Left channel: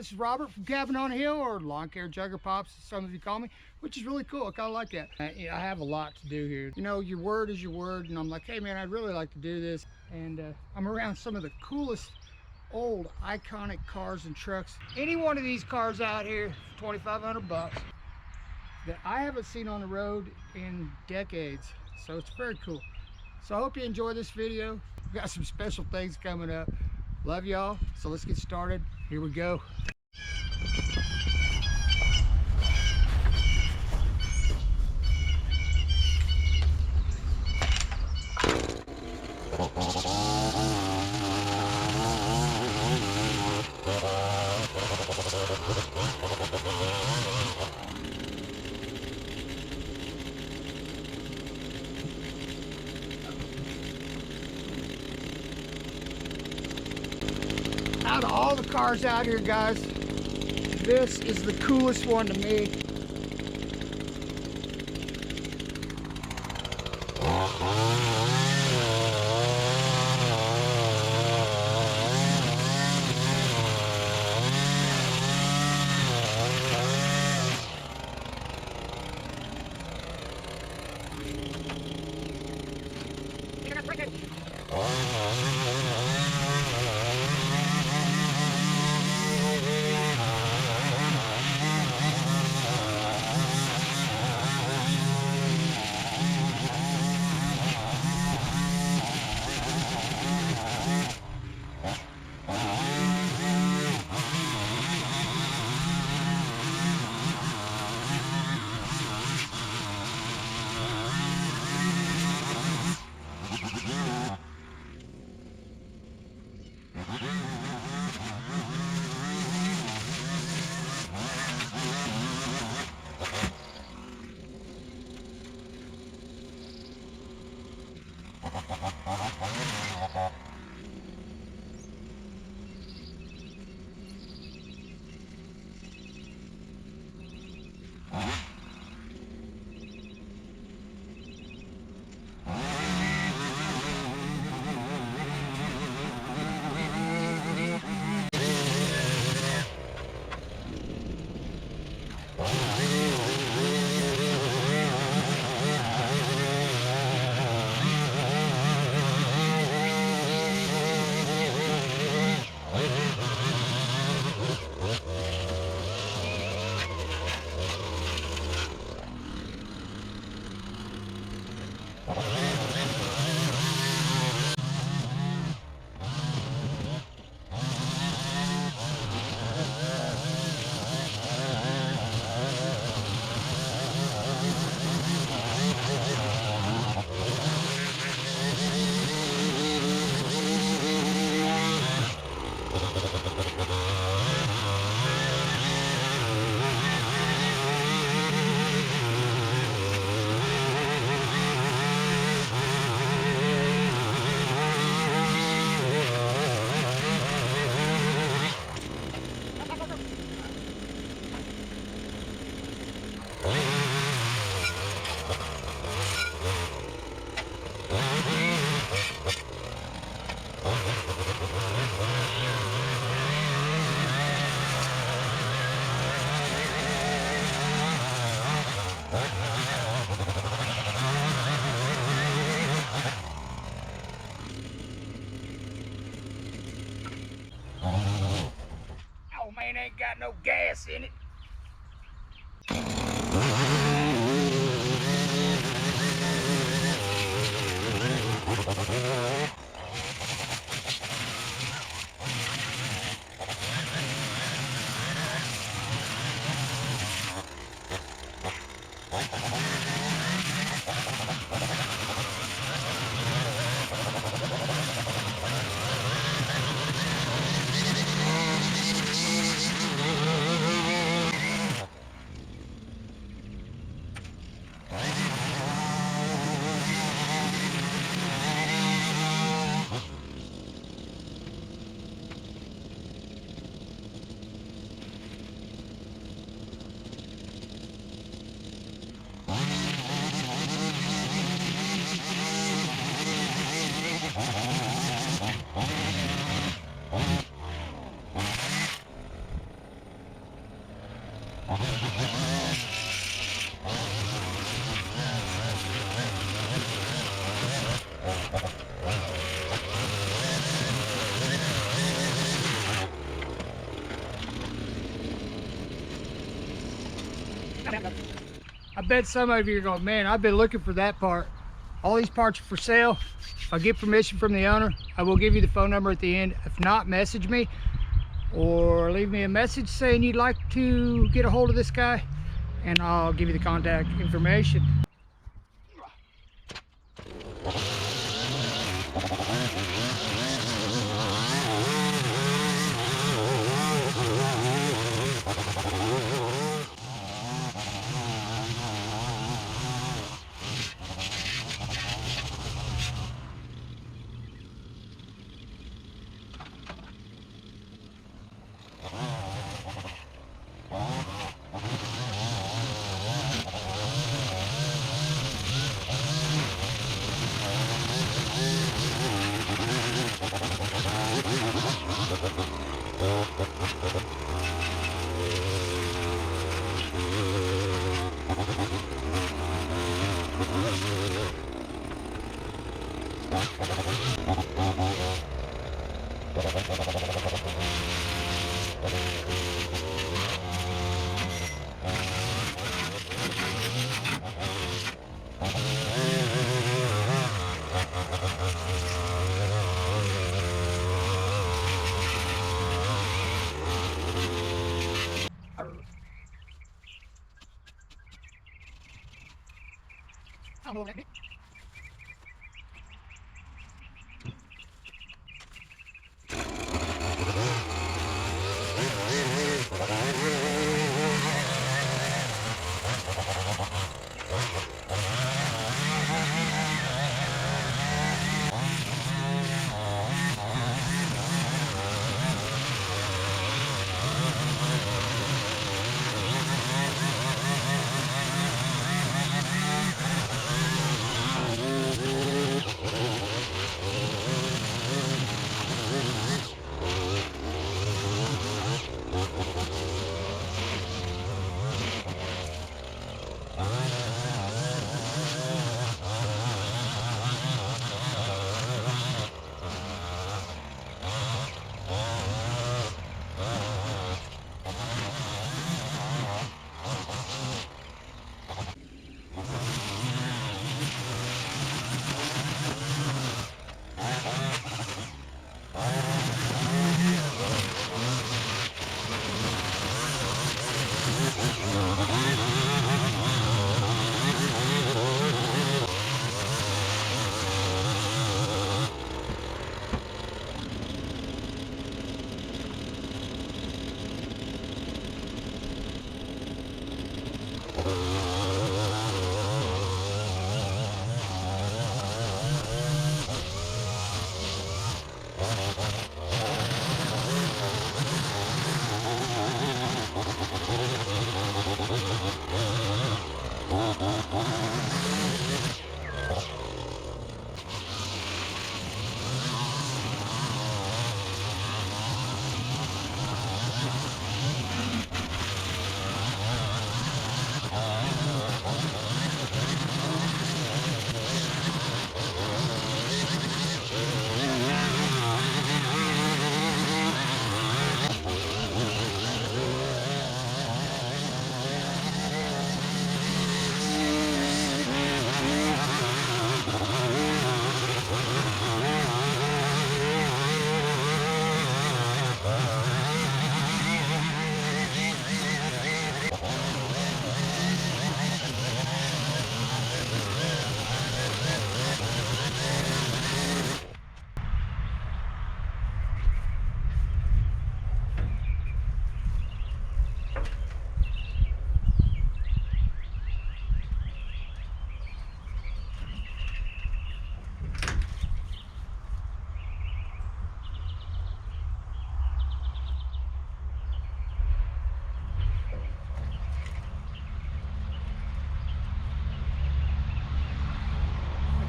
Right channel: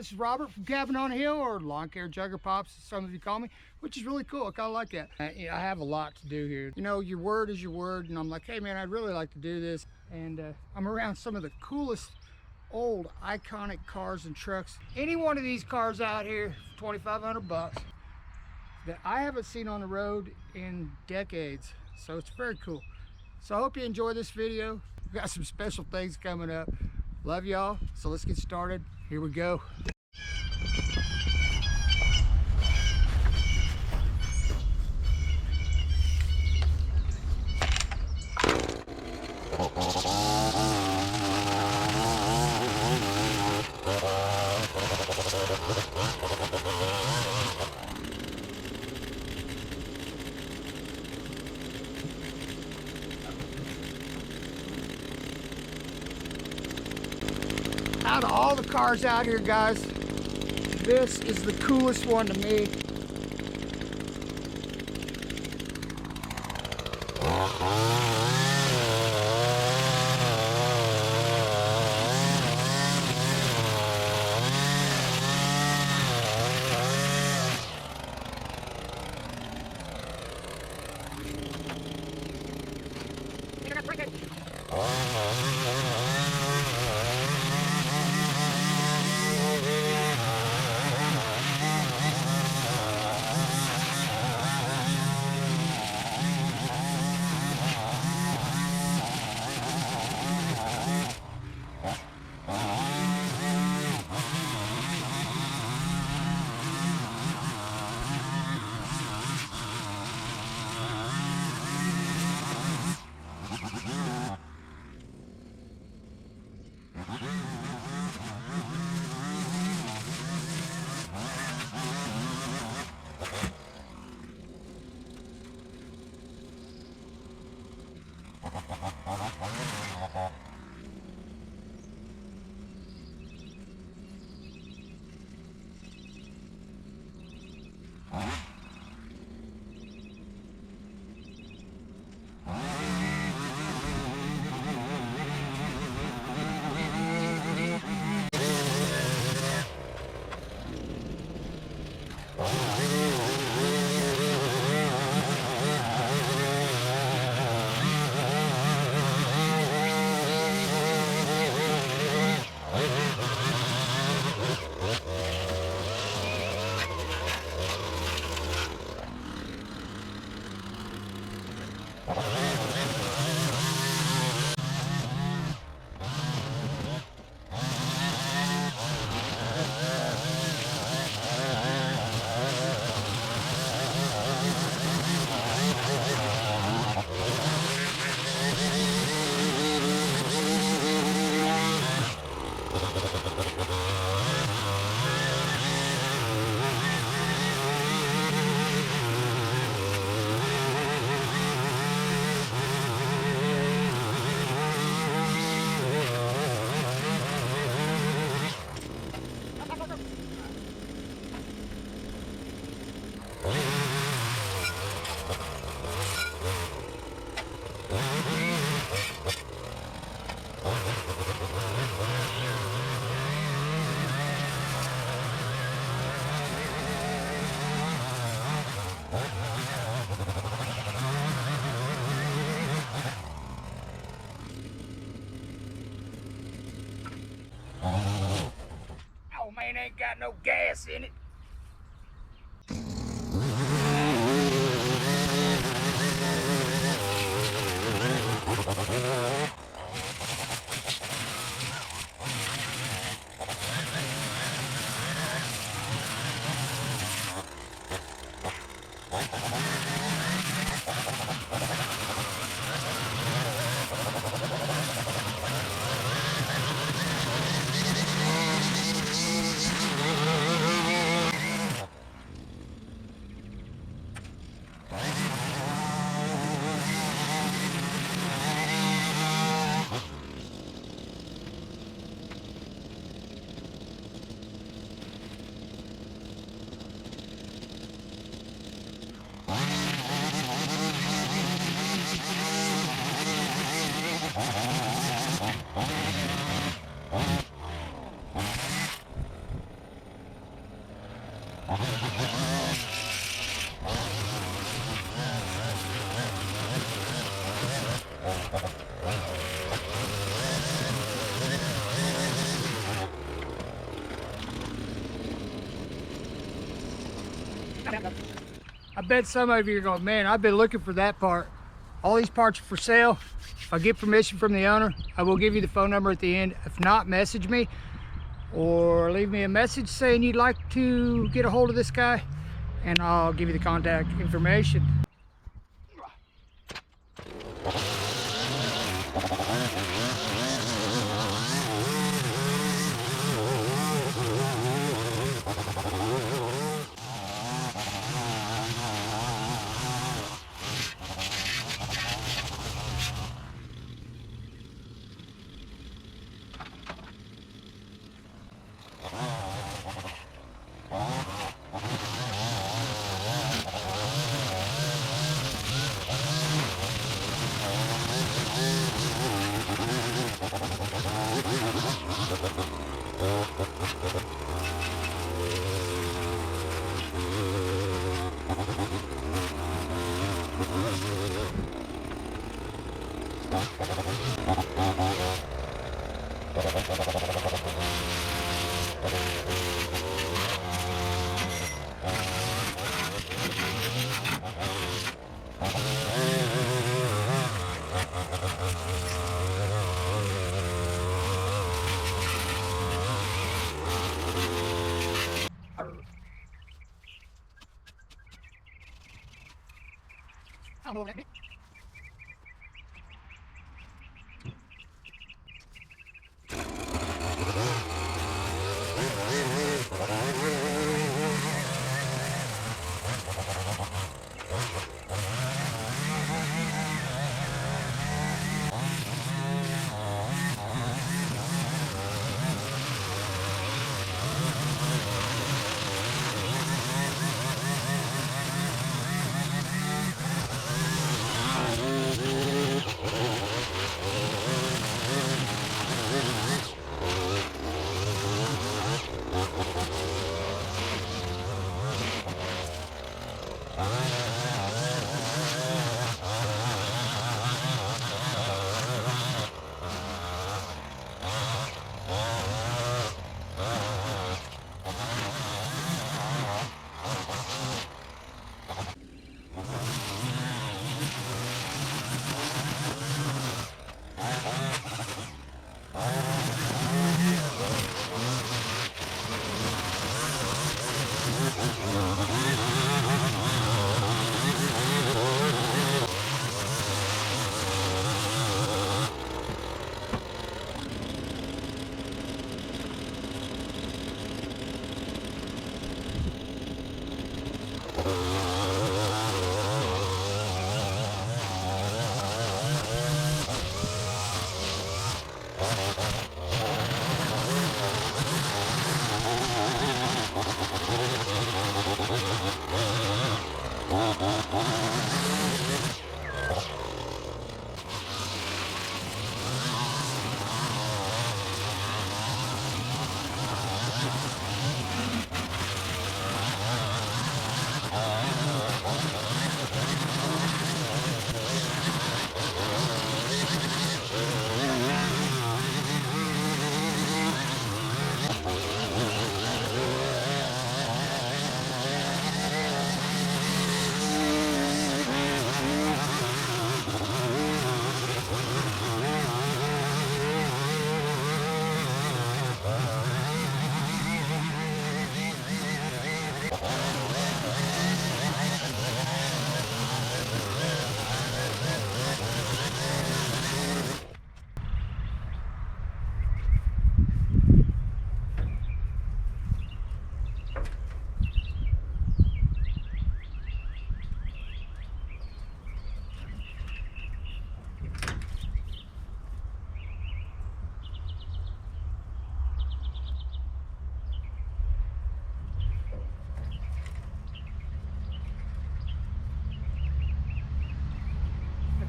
This is Robert from Cabin on the Hill, or Lawn Care Jugger Pops, as some of you call me, which is really cool. I kind of like that. I have a lot to do here. You know, your word is your word, and I'm like, hey man, I'd really like to do this. And I'm around some of the coolest old iconic cars and trucks. Any one of these cars out here for 2,500 bucks that I haven't seen on the road in decades. So it's very cool. So I hope you enjoy this video. We've got some special things coming up. Love y'all. So let's get started. Here we go. Out of all the cars out here, guys, this is the coolest one to me. Ain't got no gas in it. I bet some of you are going, man, I've been looking for that part. All these parts are for sale. If I get permission from the owner, I will give you the phone number at the end. If not, message me or leave me a message saying you'd like to get a hold of this guy, and I'll give you the contact information.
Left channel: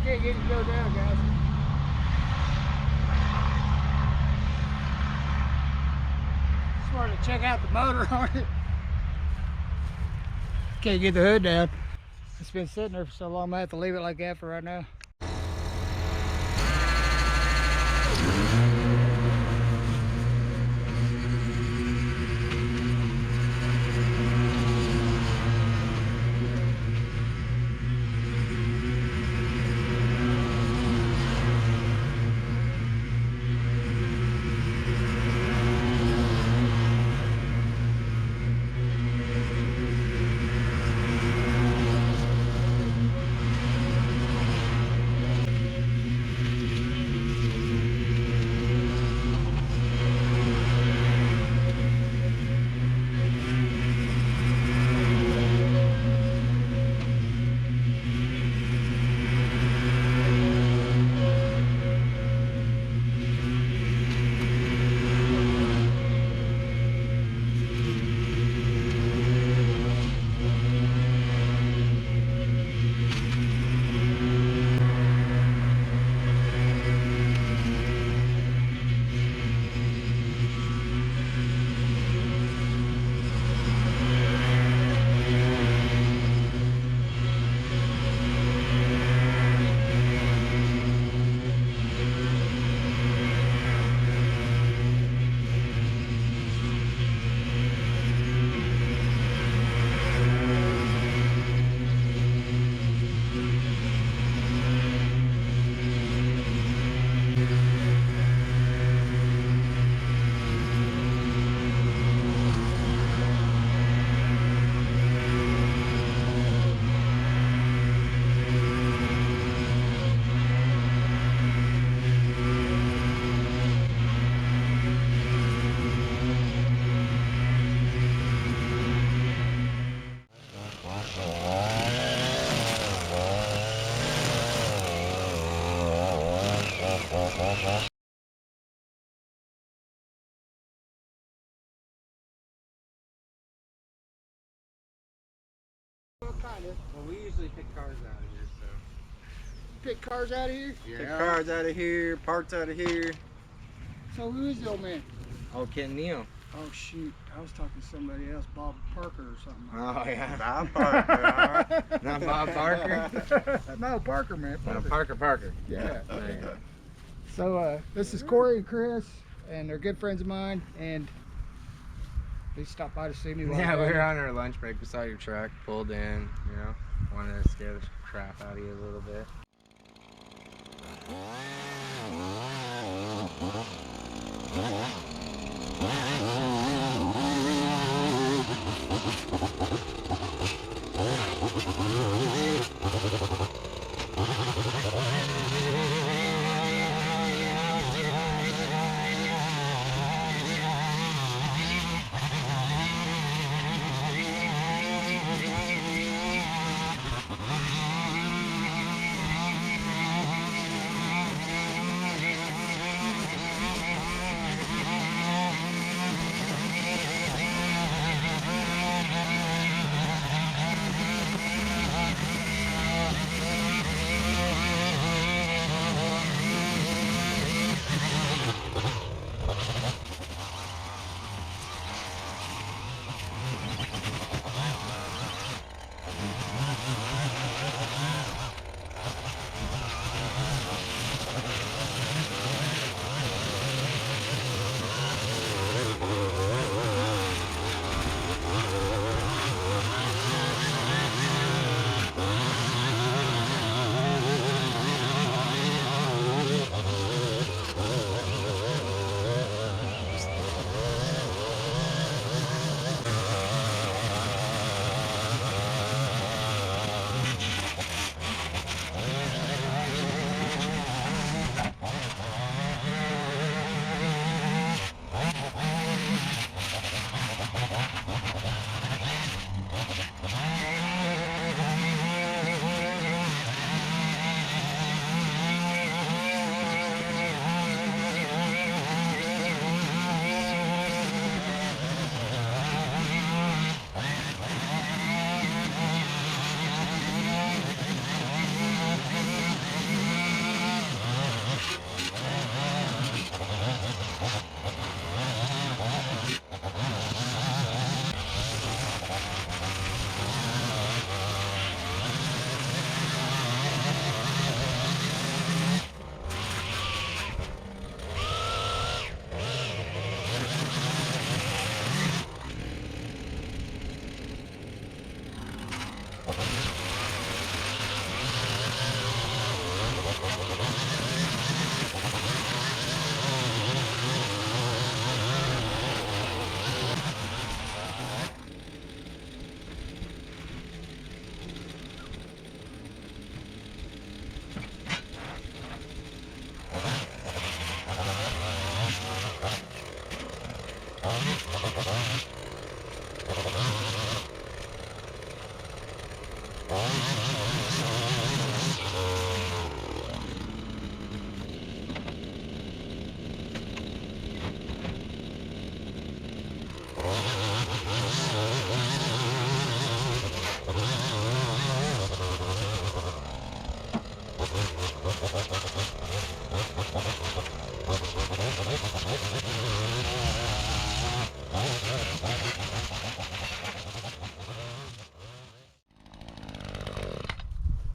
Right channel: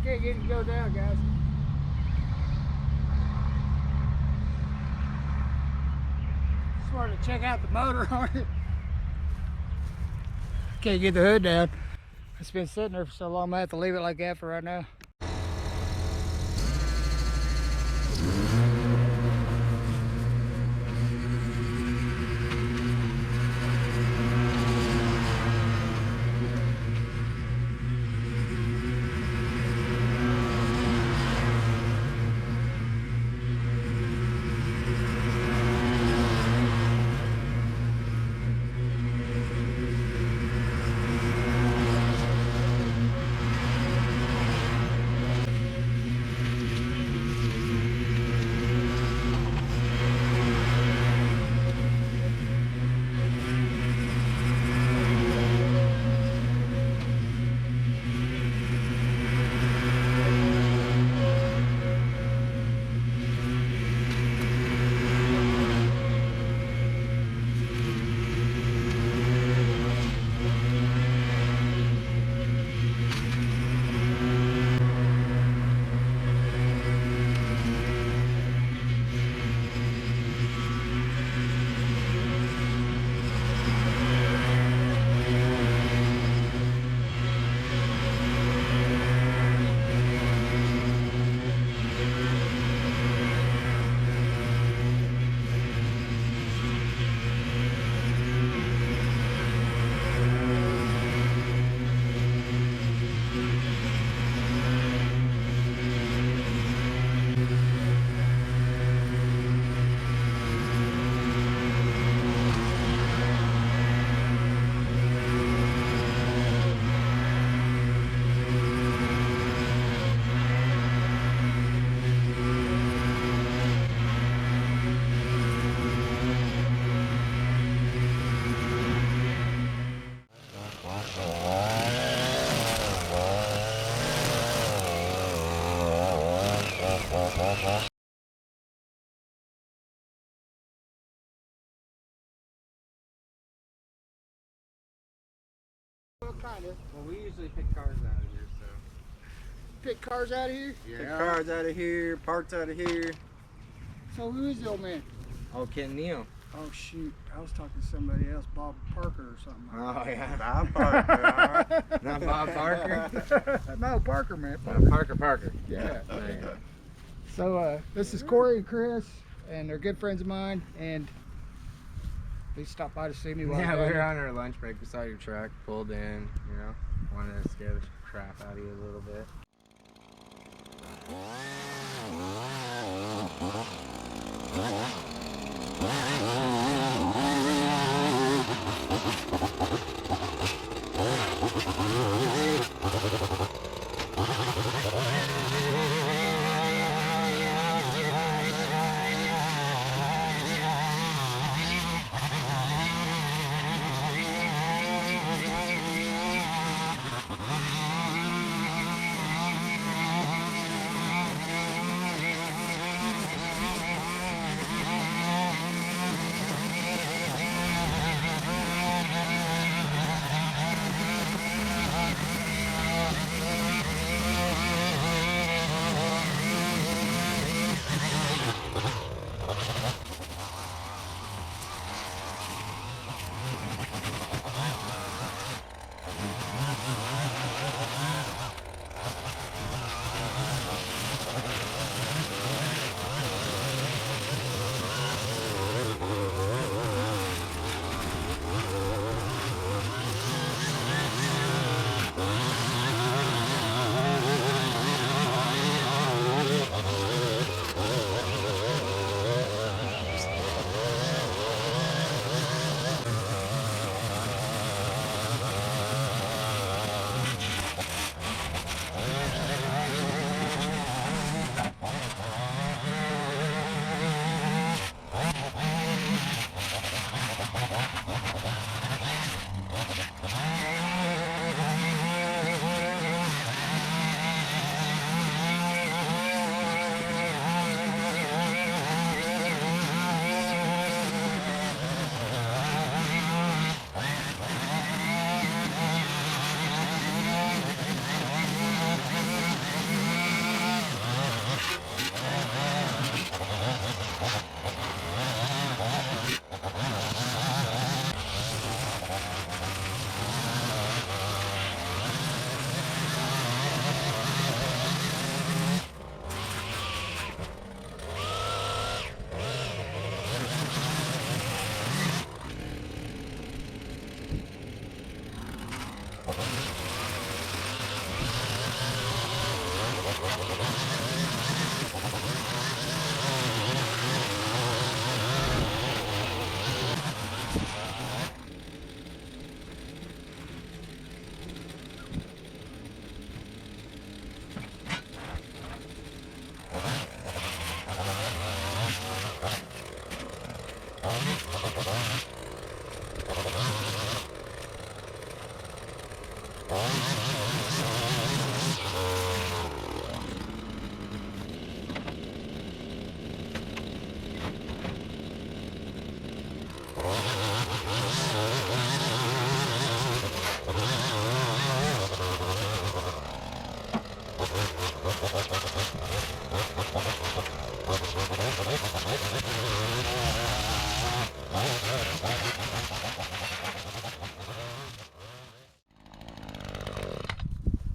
Can't get it to go down, guys. Just wanted to check out the motor on it. Can't get the hood down. It's been sitting there for so long, I have to leave it like that for right now. Kind of. Well, we usually pick cars out of here, so. Pick cars out of here? Yeah. Pick cars out of here, parts out of here. So who is the old man? Oh, Kenneth Neel. Oh shoot, I was talking to somebody else, Bob Parker or something. Oh yeah, Bob Parker. All right. Not Bob Parker? No, Parker, man. Parker. Yeah. So this is Corey and Chris, and they're good friends of mine, and they stopped by to see me. Yeah, we were on our lunch break. We saw your truck, pulled in, you know, wanted to scare the crap out of you a little bit.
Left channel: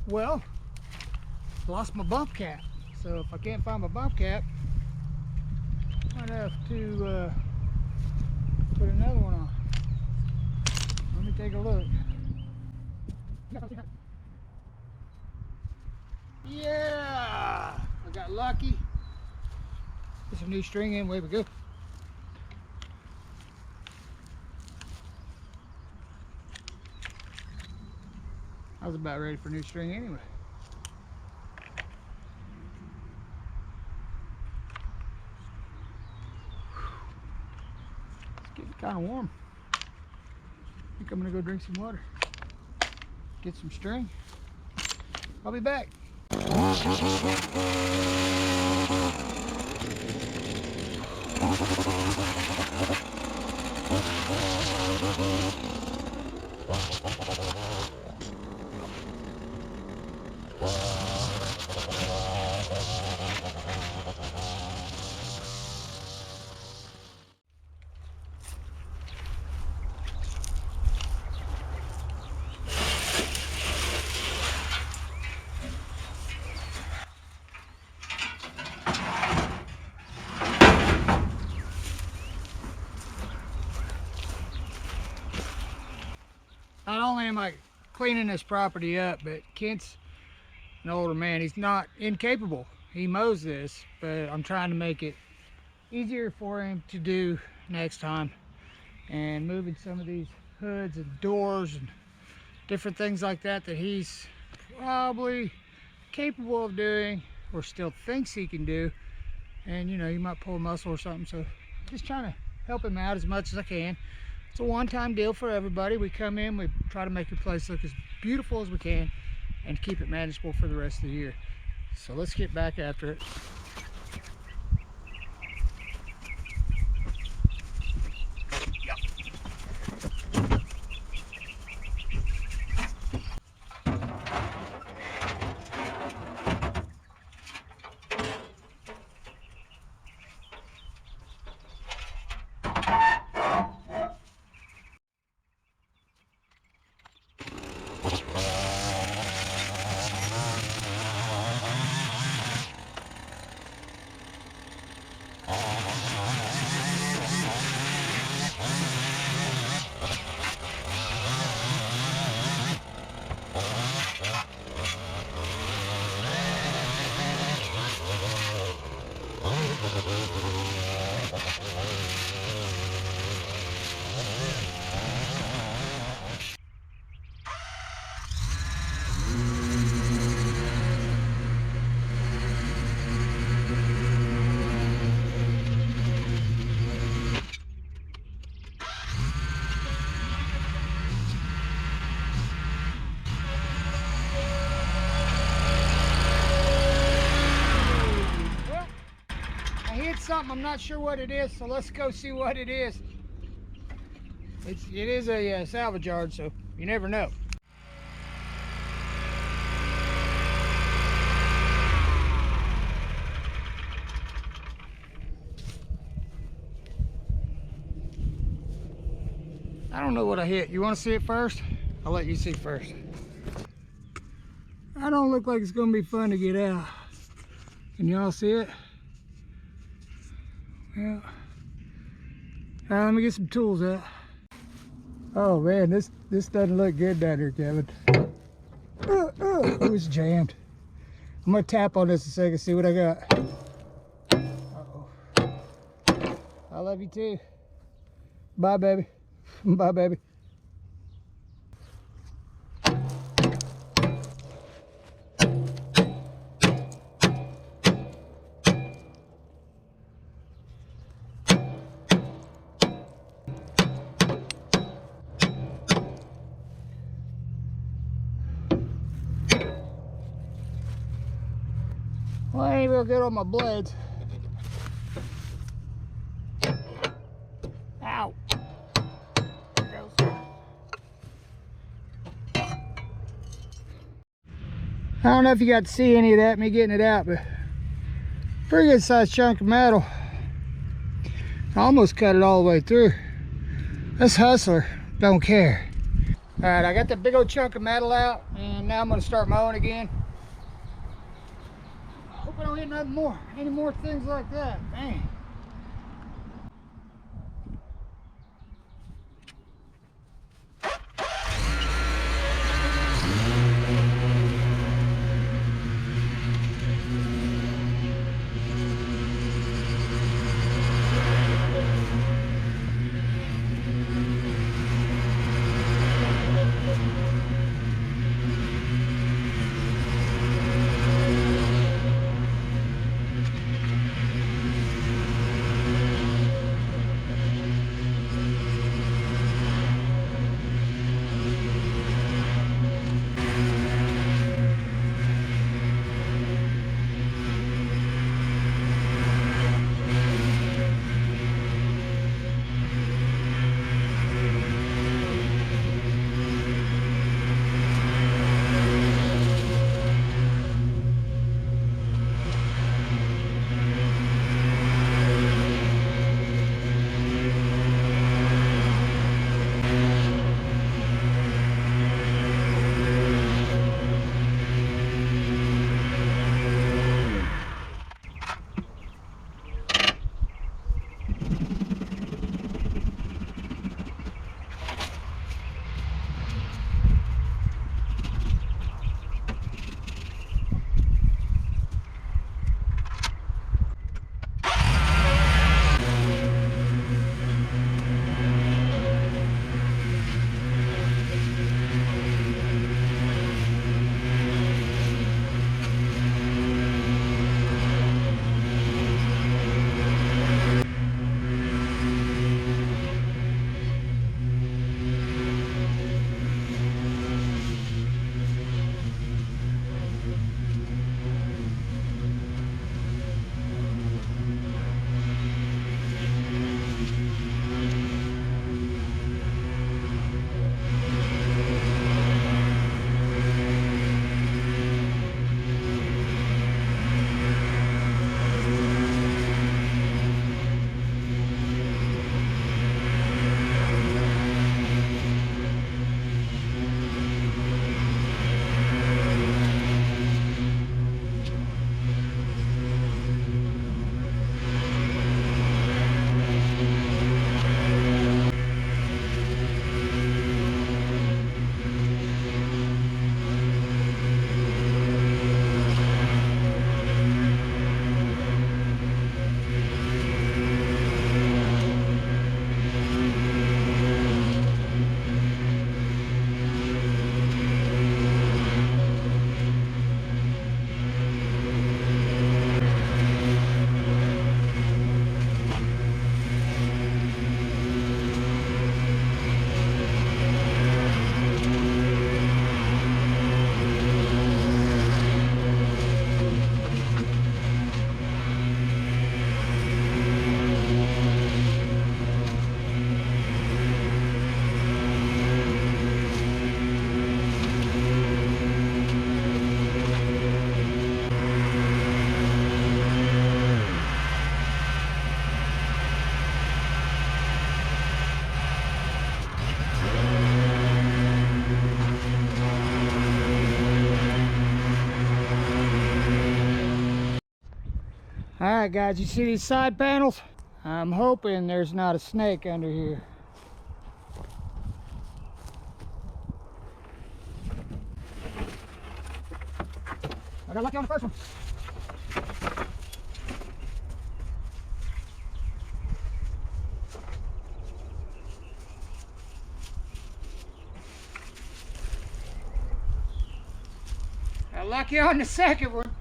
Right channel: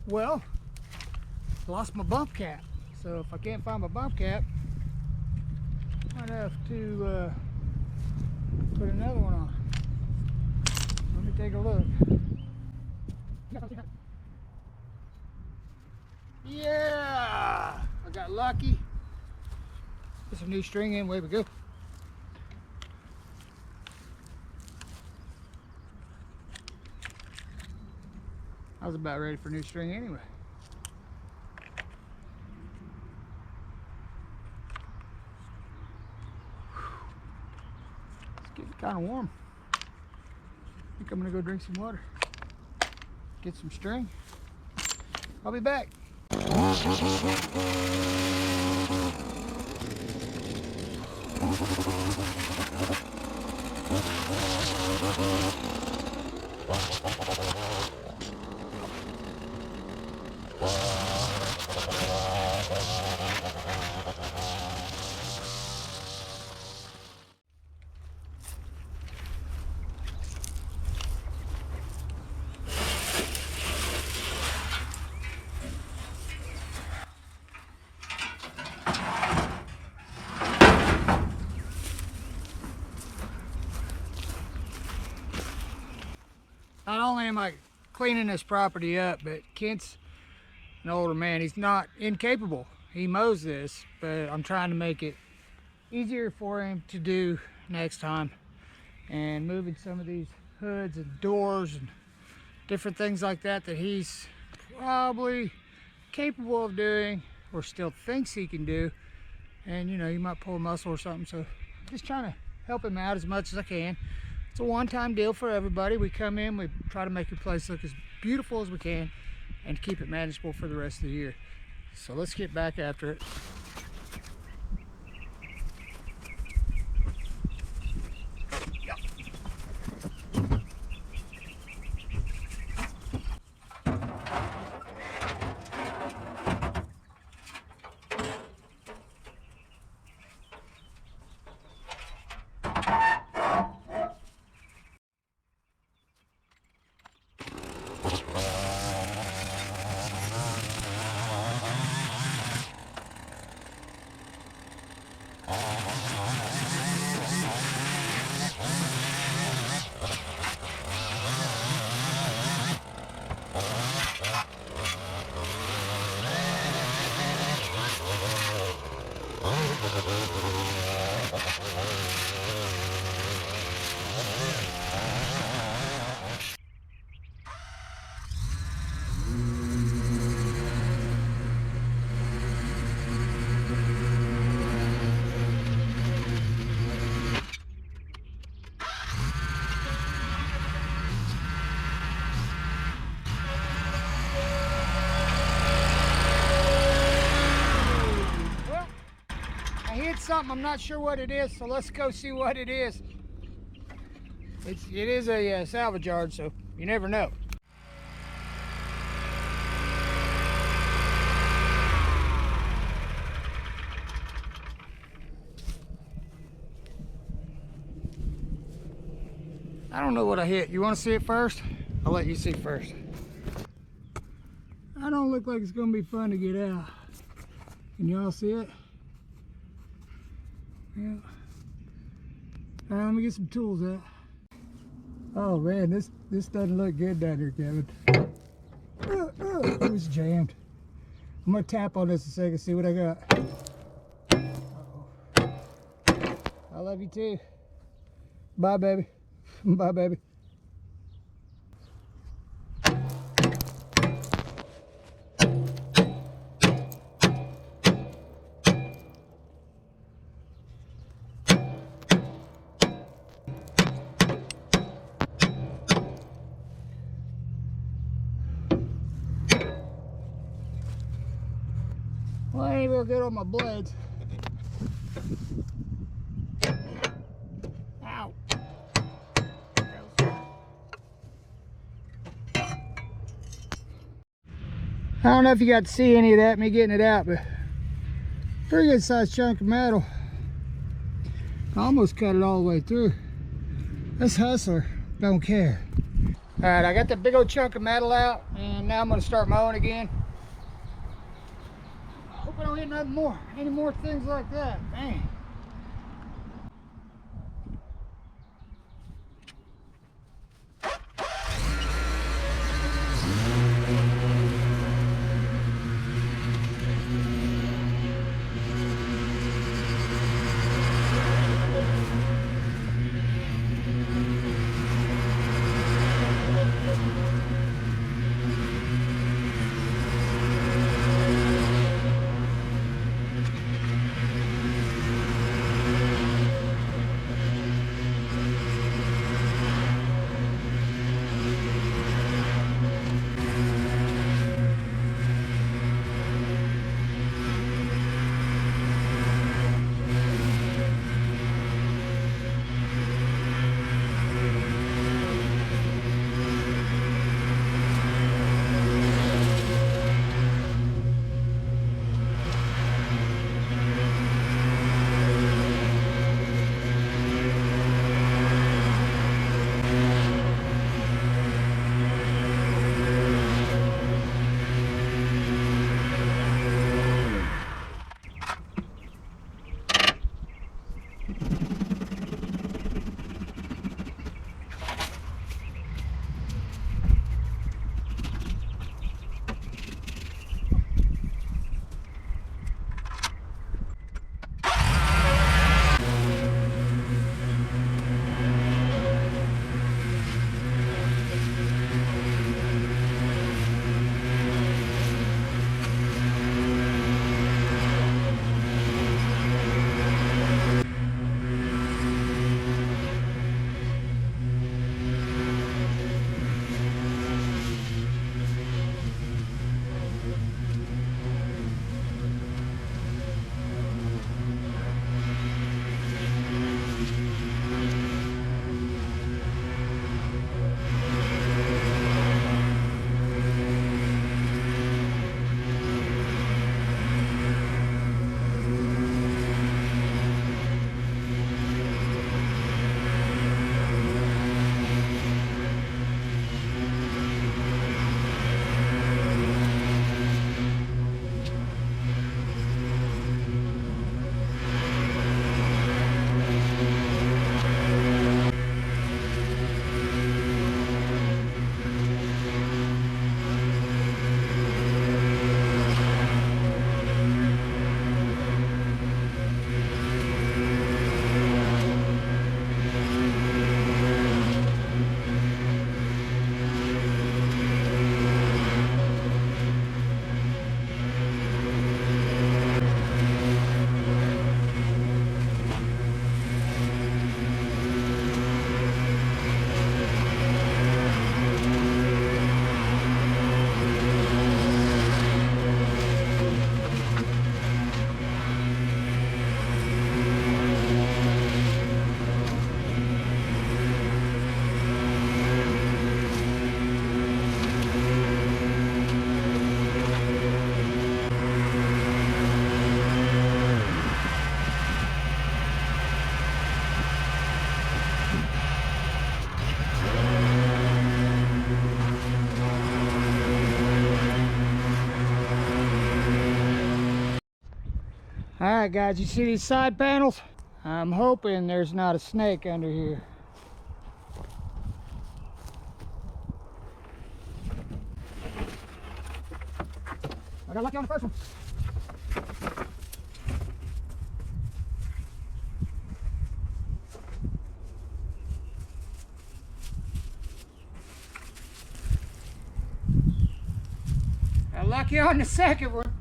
Well, lost my bump cap. So if I can't find my bump cap, I might have to put another one on. Let me take a look. Yeah, I got lucky. Put some new string in, way we go. I was about ready for new string anyway. It's getting kind of warm. I think I'm gonna go drink some water, get some string. I'll be back. Not only am I cleaning this property up, but Kent's an older man. He's not incapable. He mows this, but I'm trying to make it easier for him to do next time. And moving some of these hoods and doors and different things like that that he's probably capable of doing or still thinks he can do. And you know, you might pull a muscle or something. So just trying to help him out as much as I can. It's a one-time deal for everybody. We come in, we try to make your place look as beautiful as we can and keep it manageable for the rest of the year. So let's get back after it. Something, I'm not sure what it is, so let's go see what it is. It is a salvage yard, so you never know. I don't know what I hit. You want to see it first? I'll let you see first. I don't look like it's going to be fun to get out. Can y'all see it? Yeah. Let me get some tools out. Oh man, this doesn't look good down here, Kevin. It was jammed. I'm gonna tap on this a second, see what I got. Uh-oh. I love you too. Bye, baby. Bye, baby. Well, I ain't real good on my blades. Ow. I don't know if you got to see any of that, me getting it out, but pretty good sized chunk of metal. I almost cut it all the way through. This hustler don't care. All right, I got that big old chunk of metal out, and now I'm gonna start mowing again. Hope I don't hit nothing more, any more things like that, man. All right, guys, you see these side panels? I'm hoping there's not a snake under here. I got lucky on the first one. Got lucky on the second one.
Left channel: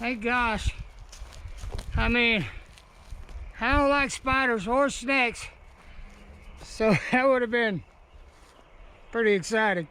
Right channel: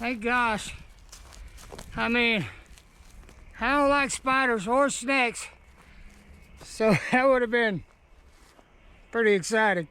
Hey gosh, I mean, I don't like spiders or snakes, so that would have been pretty exciting.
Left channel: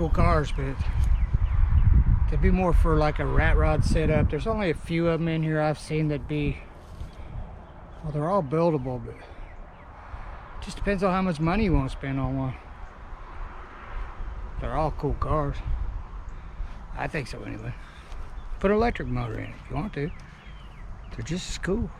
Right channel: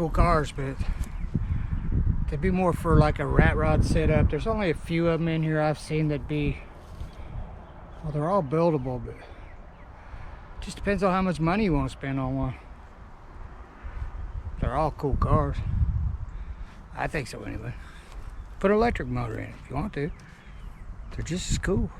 cool cars, but they'd be more for like a rat rod setup. There's only a few of them in here I've seen that be, well, they're all buildable, but it just depends on how much money you want to spend on one. They're all cool cars. I think so anyway. Put an electric motor in it if you want to. They're just as cool.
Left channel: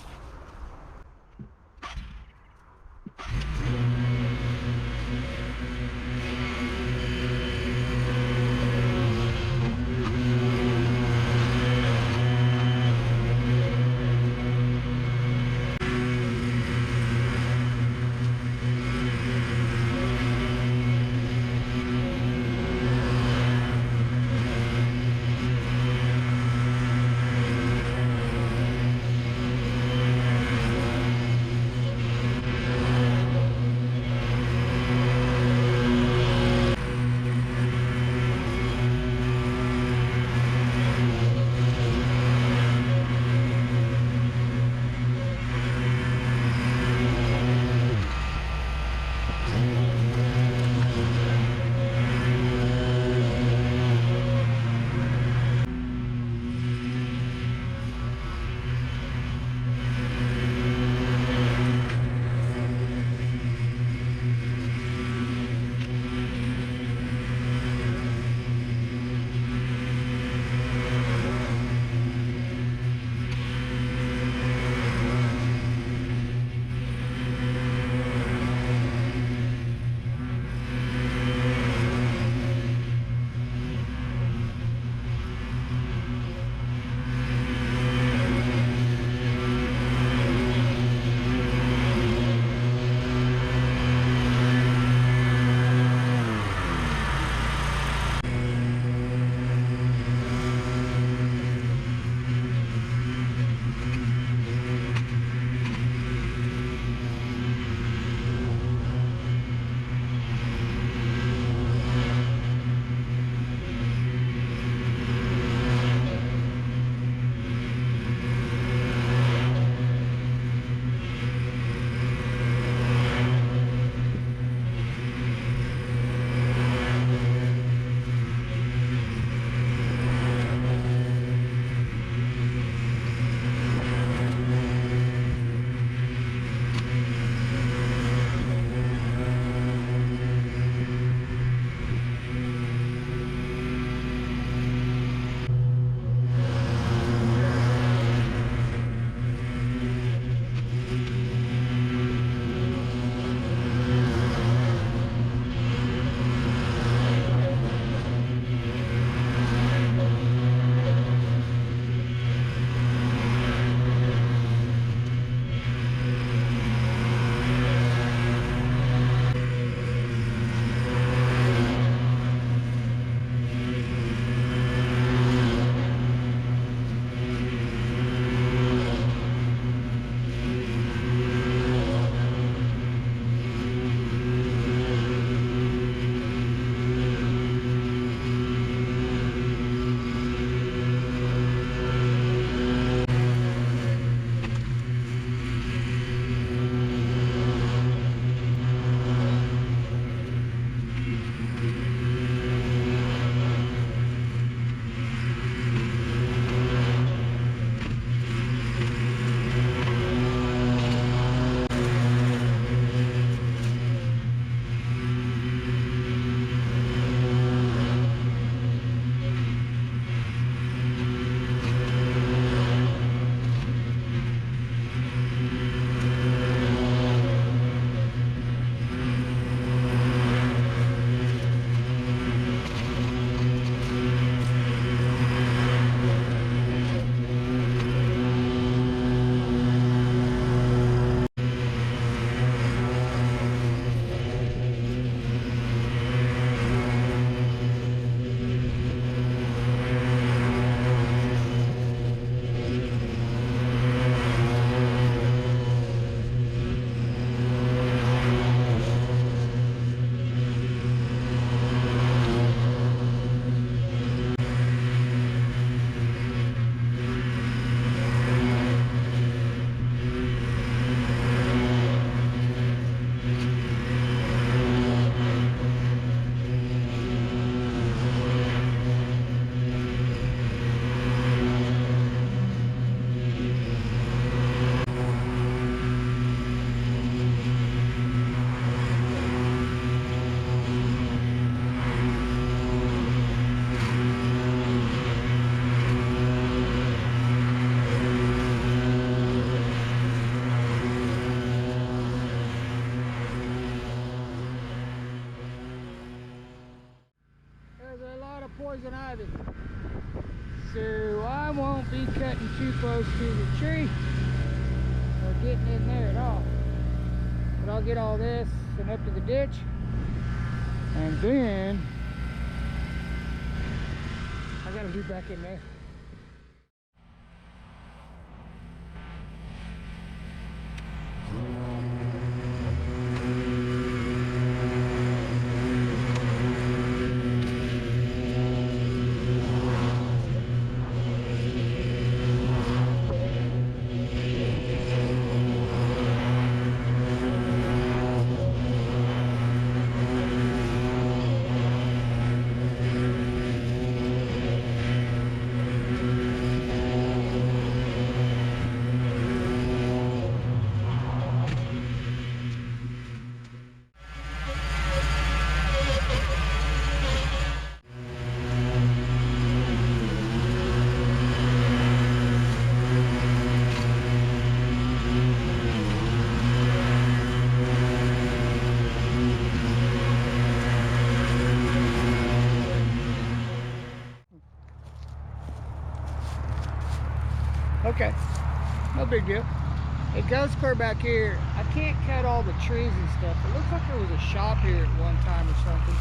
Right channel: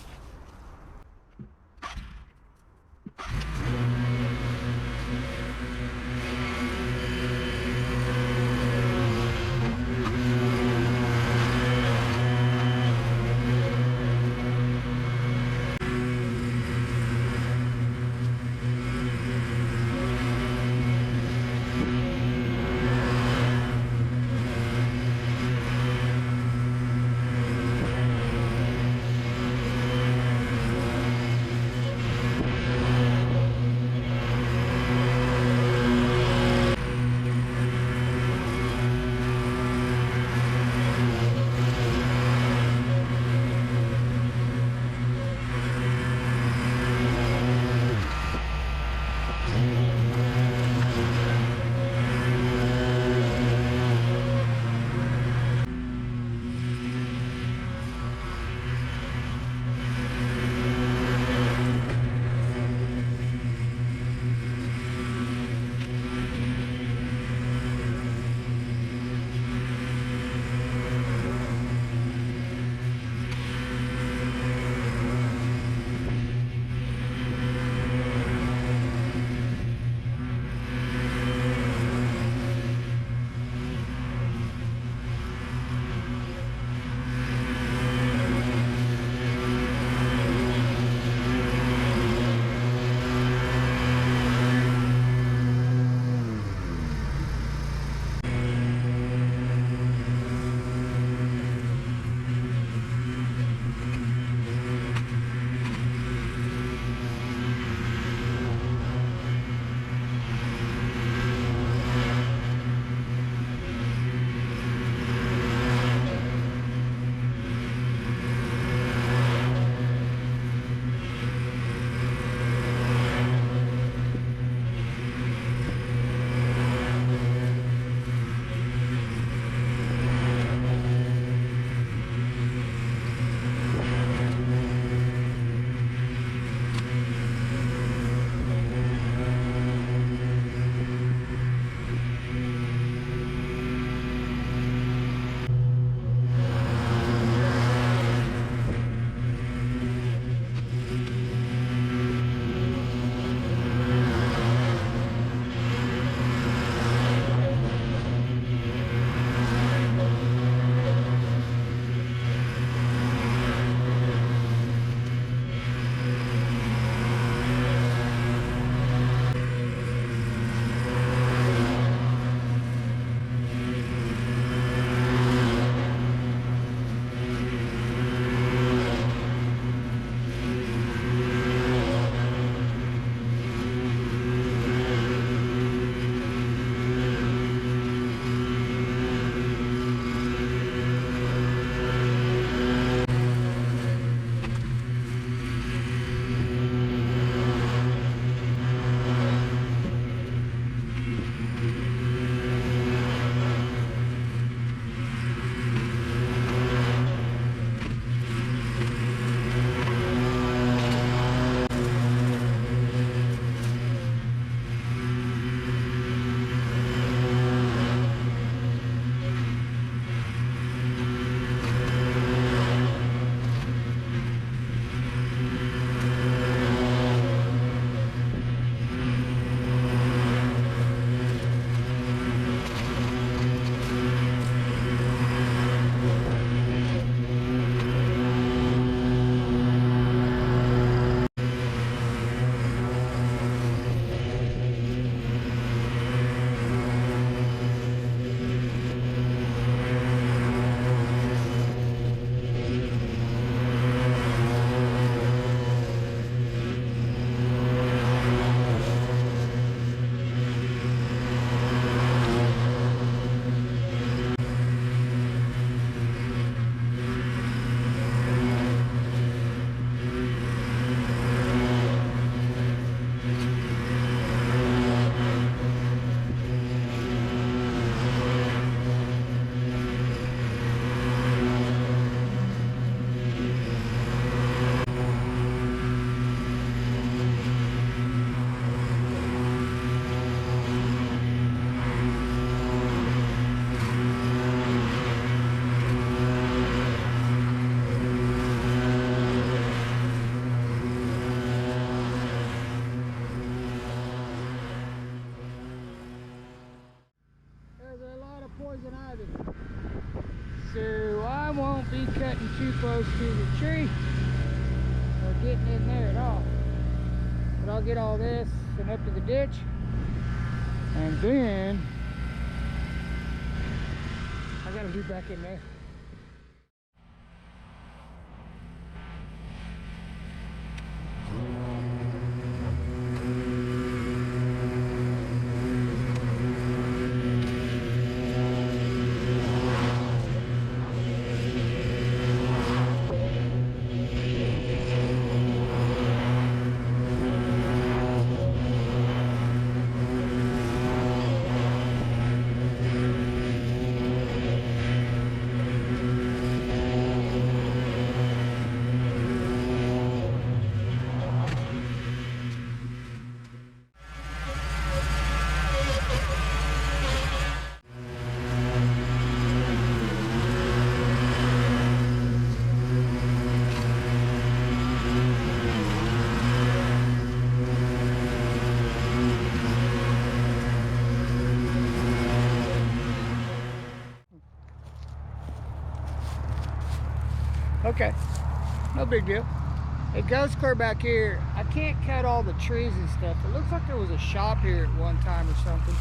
than I do. So I won't be cutting too close to the tree or getting in there at all. But I'll get all this and up to the ditch, and then I gotta be back in there. Okay, no big deal. It goes clear back here. I can't cut all the trees and stuff. It looks like there was a shop here at one time or something.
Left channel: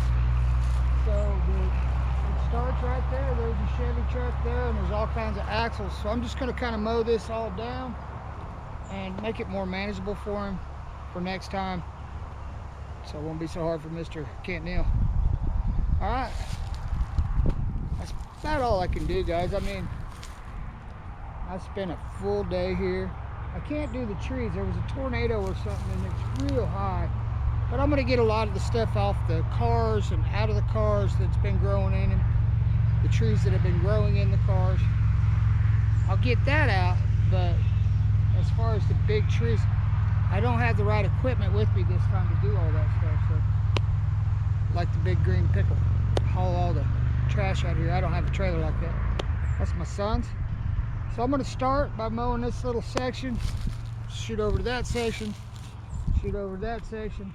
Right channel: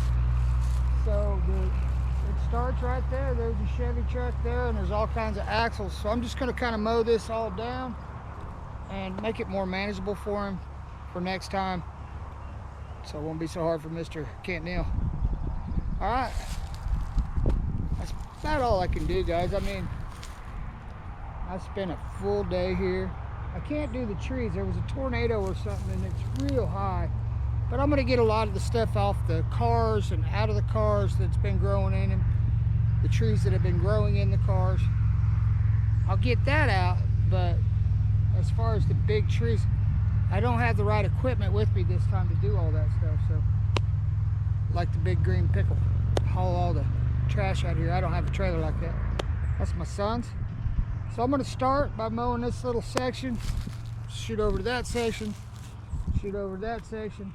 So it starts right there. There's a Chevy truck there, and there's all kinds of axles. So I'm just going to kind of mow this all down and make it more manageable for him for next time, so it won't be so hard for Mr. Kenneth Neel. All right, that's about all I can do, guys. I mean, I spent a full day here. I can't do the trees. There was a tornado or something and it's real high. But I'm gonna get a lot of the stuff off the cars and out of the cars that's been growing in them. The trees that have been growing in the cars. I'll get that out, but as far as the big trees, I don't have the right equipment with me this time to do all that stuff. So, like the big green pickle, haul all the trash out here. I don't have a trailer like that. That's my son's. So I'm going to start by mowing this little section, shoot over to that section, shoot over to that section,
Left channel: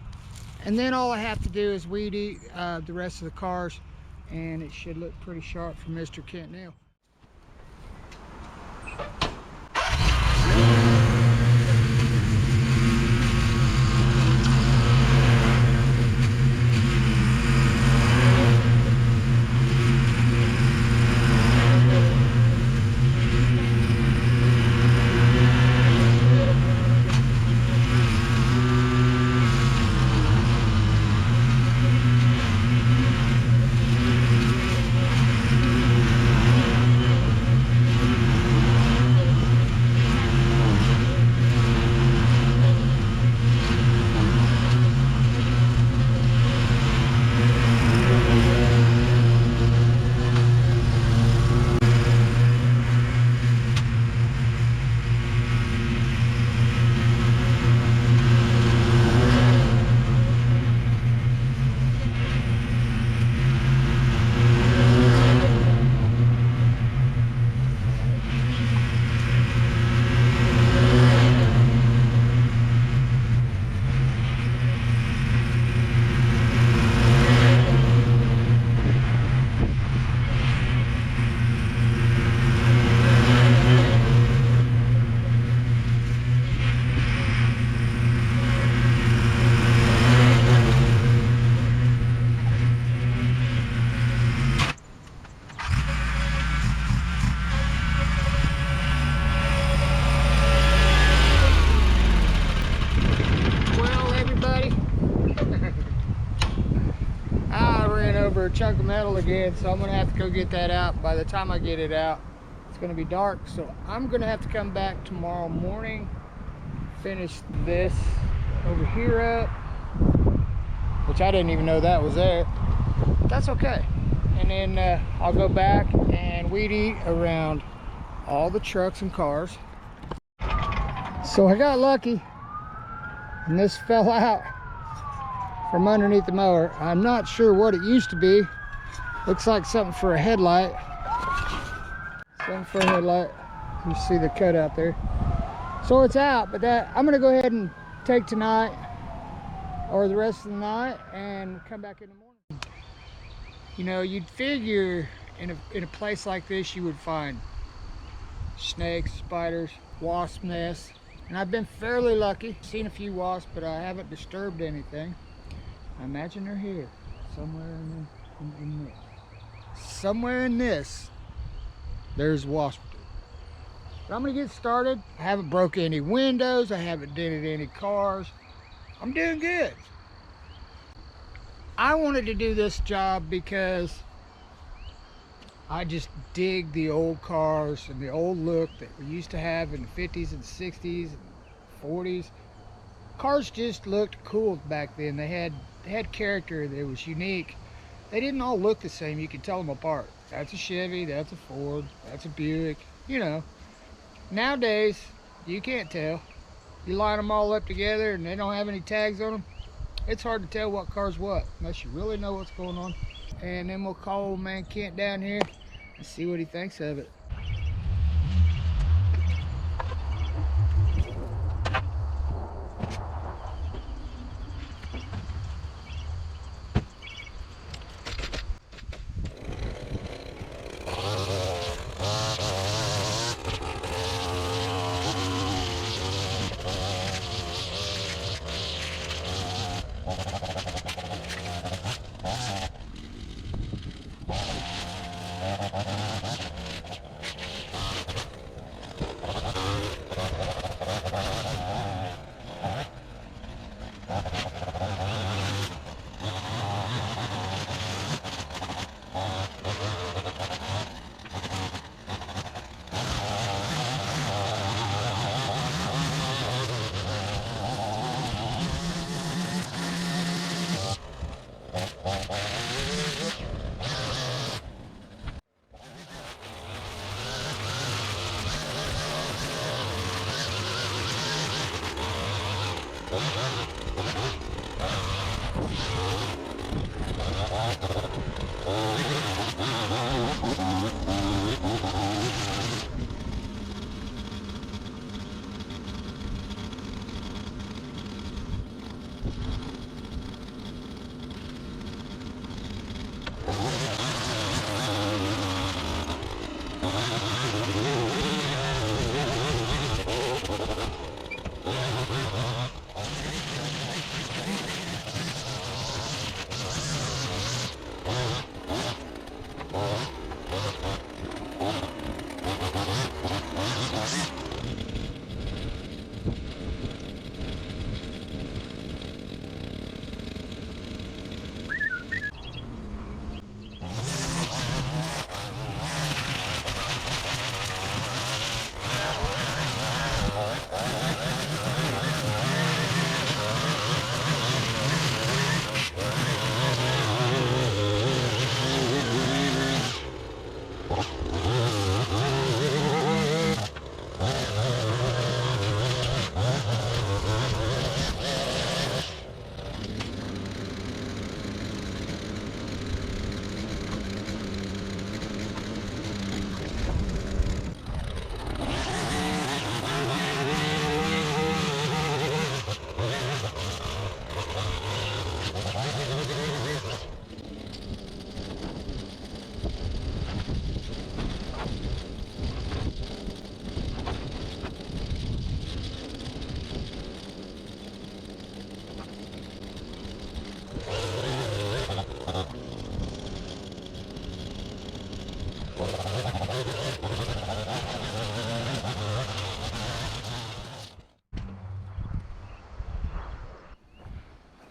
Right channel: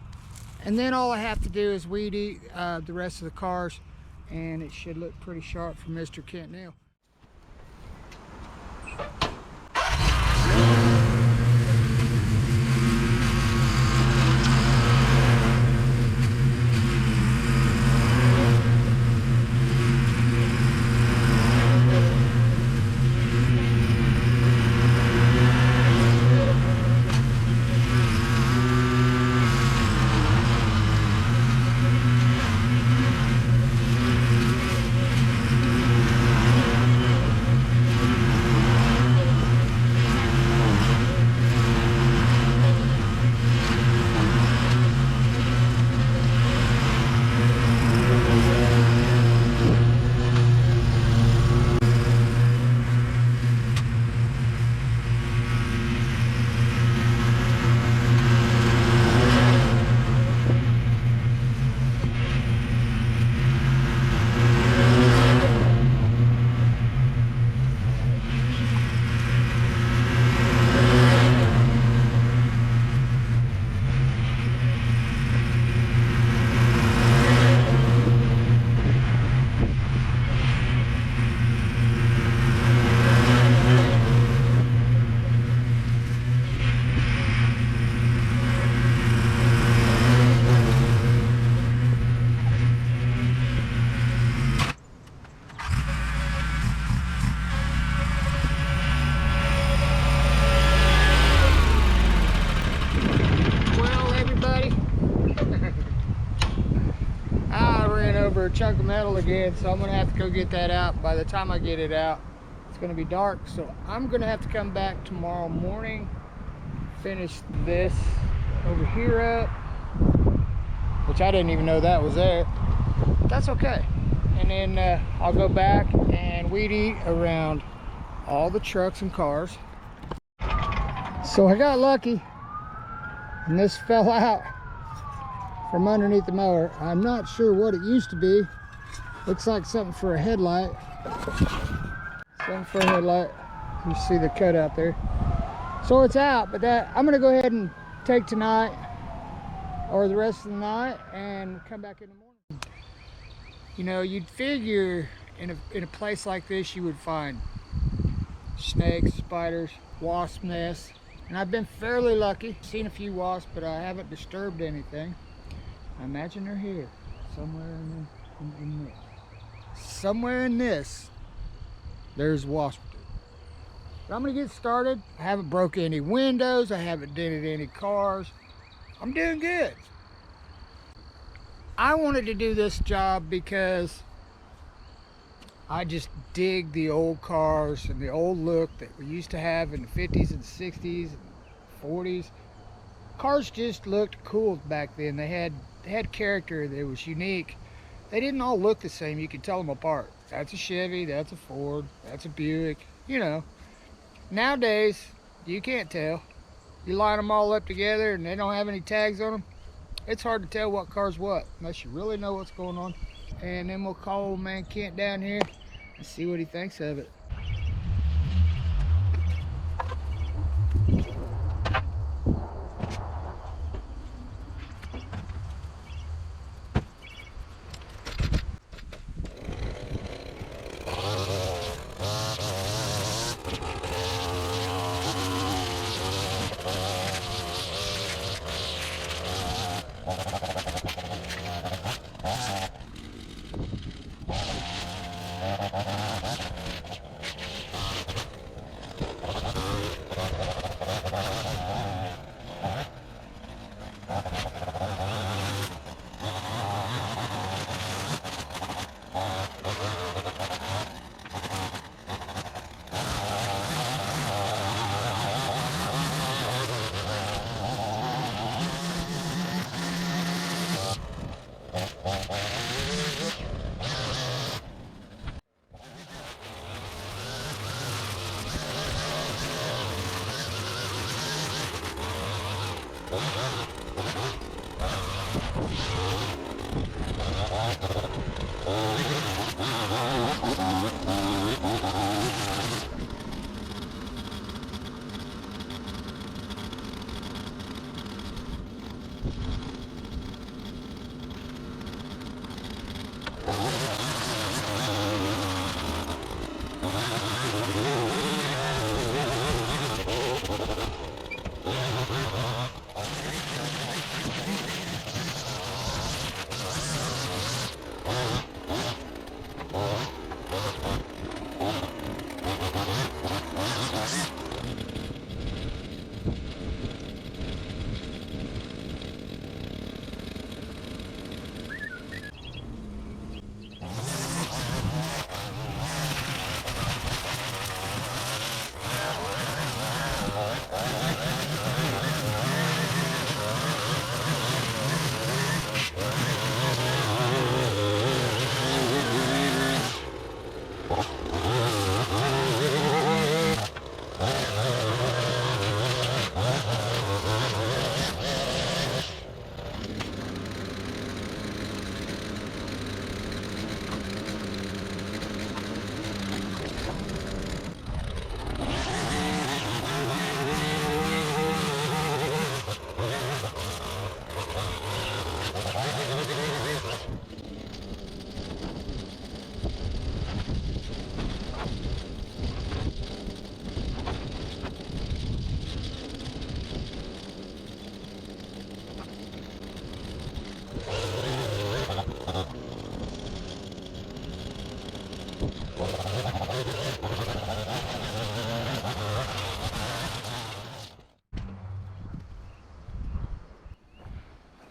and then all I have to do is weed eat the rest of the cars, and it should look pretty sharp for Mr. Kenneth Neel. A chunk of metal again, so I'm gonna have to go get that out. By the time I get it out, it's gonna be dark, so I'm gonna have to come back tomorrow morning, finish this over here up, which I didn't even know that was there. That's okay. And then I'll go back and weed eat around all the trucks and cars. So I got lucky and this fell out from underneath the mower. I'm not sure what it used to be. Looks like something for a headlight. Something for a headlight. You see the cut out there. So it's out, but that I'm gonna go ahead and take tonight or the rest of the night and come back in the morning. You know, you'd figure in a place like this, you would find snakes, spiders, wasp nests, and I've been fairly lucky. Seen a few wasps, but I haven't disturbed anything. I imagine they're here, somewhere in this. Somewhere in this, there's wasp. But I'm gonna get started. I haven't broke any windows. I haven't dented any cars. I'm doing good. I wanted to do this job because I just dig the old cars and the old look that we used to have in the 50s and 60s and 40s. Cars just looked cool back then. They had character. That was unique. They didn't all look the same. You could tell them apart. That's a Chevy, that's a Ford, that's a Buick, you know. Nowadays, you can't tell. You line them all up together and they don't have any tags on them. It's hard to tell what car's what, unless you really know what's going on. And then we'll call old man Kent down here and see what he thinks of it.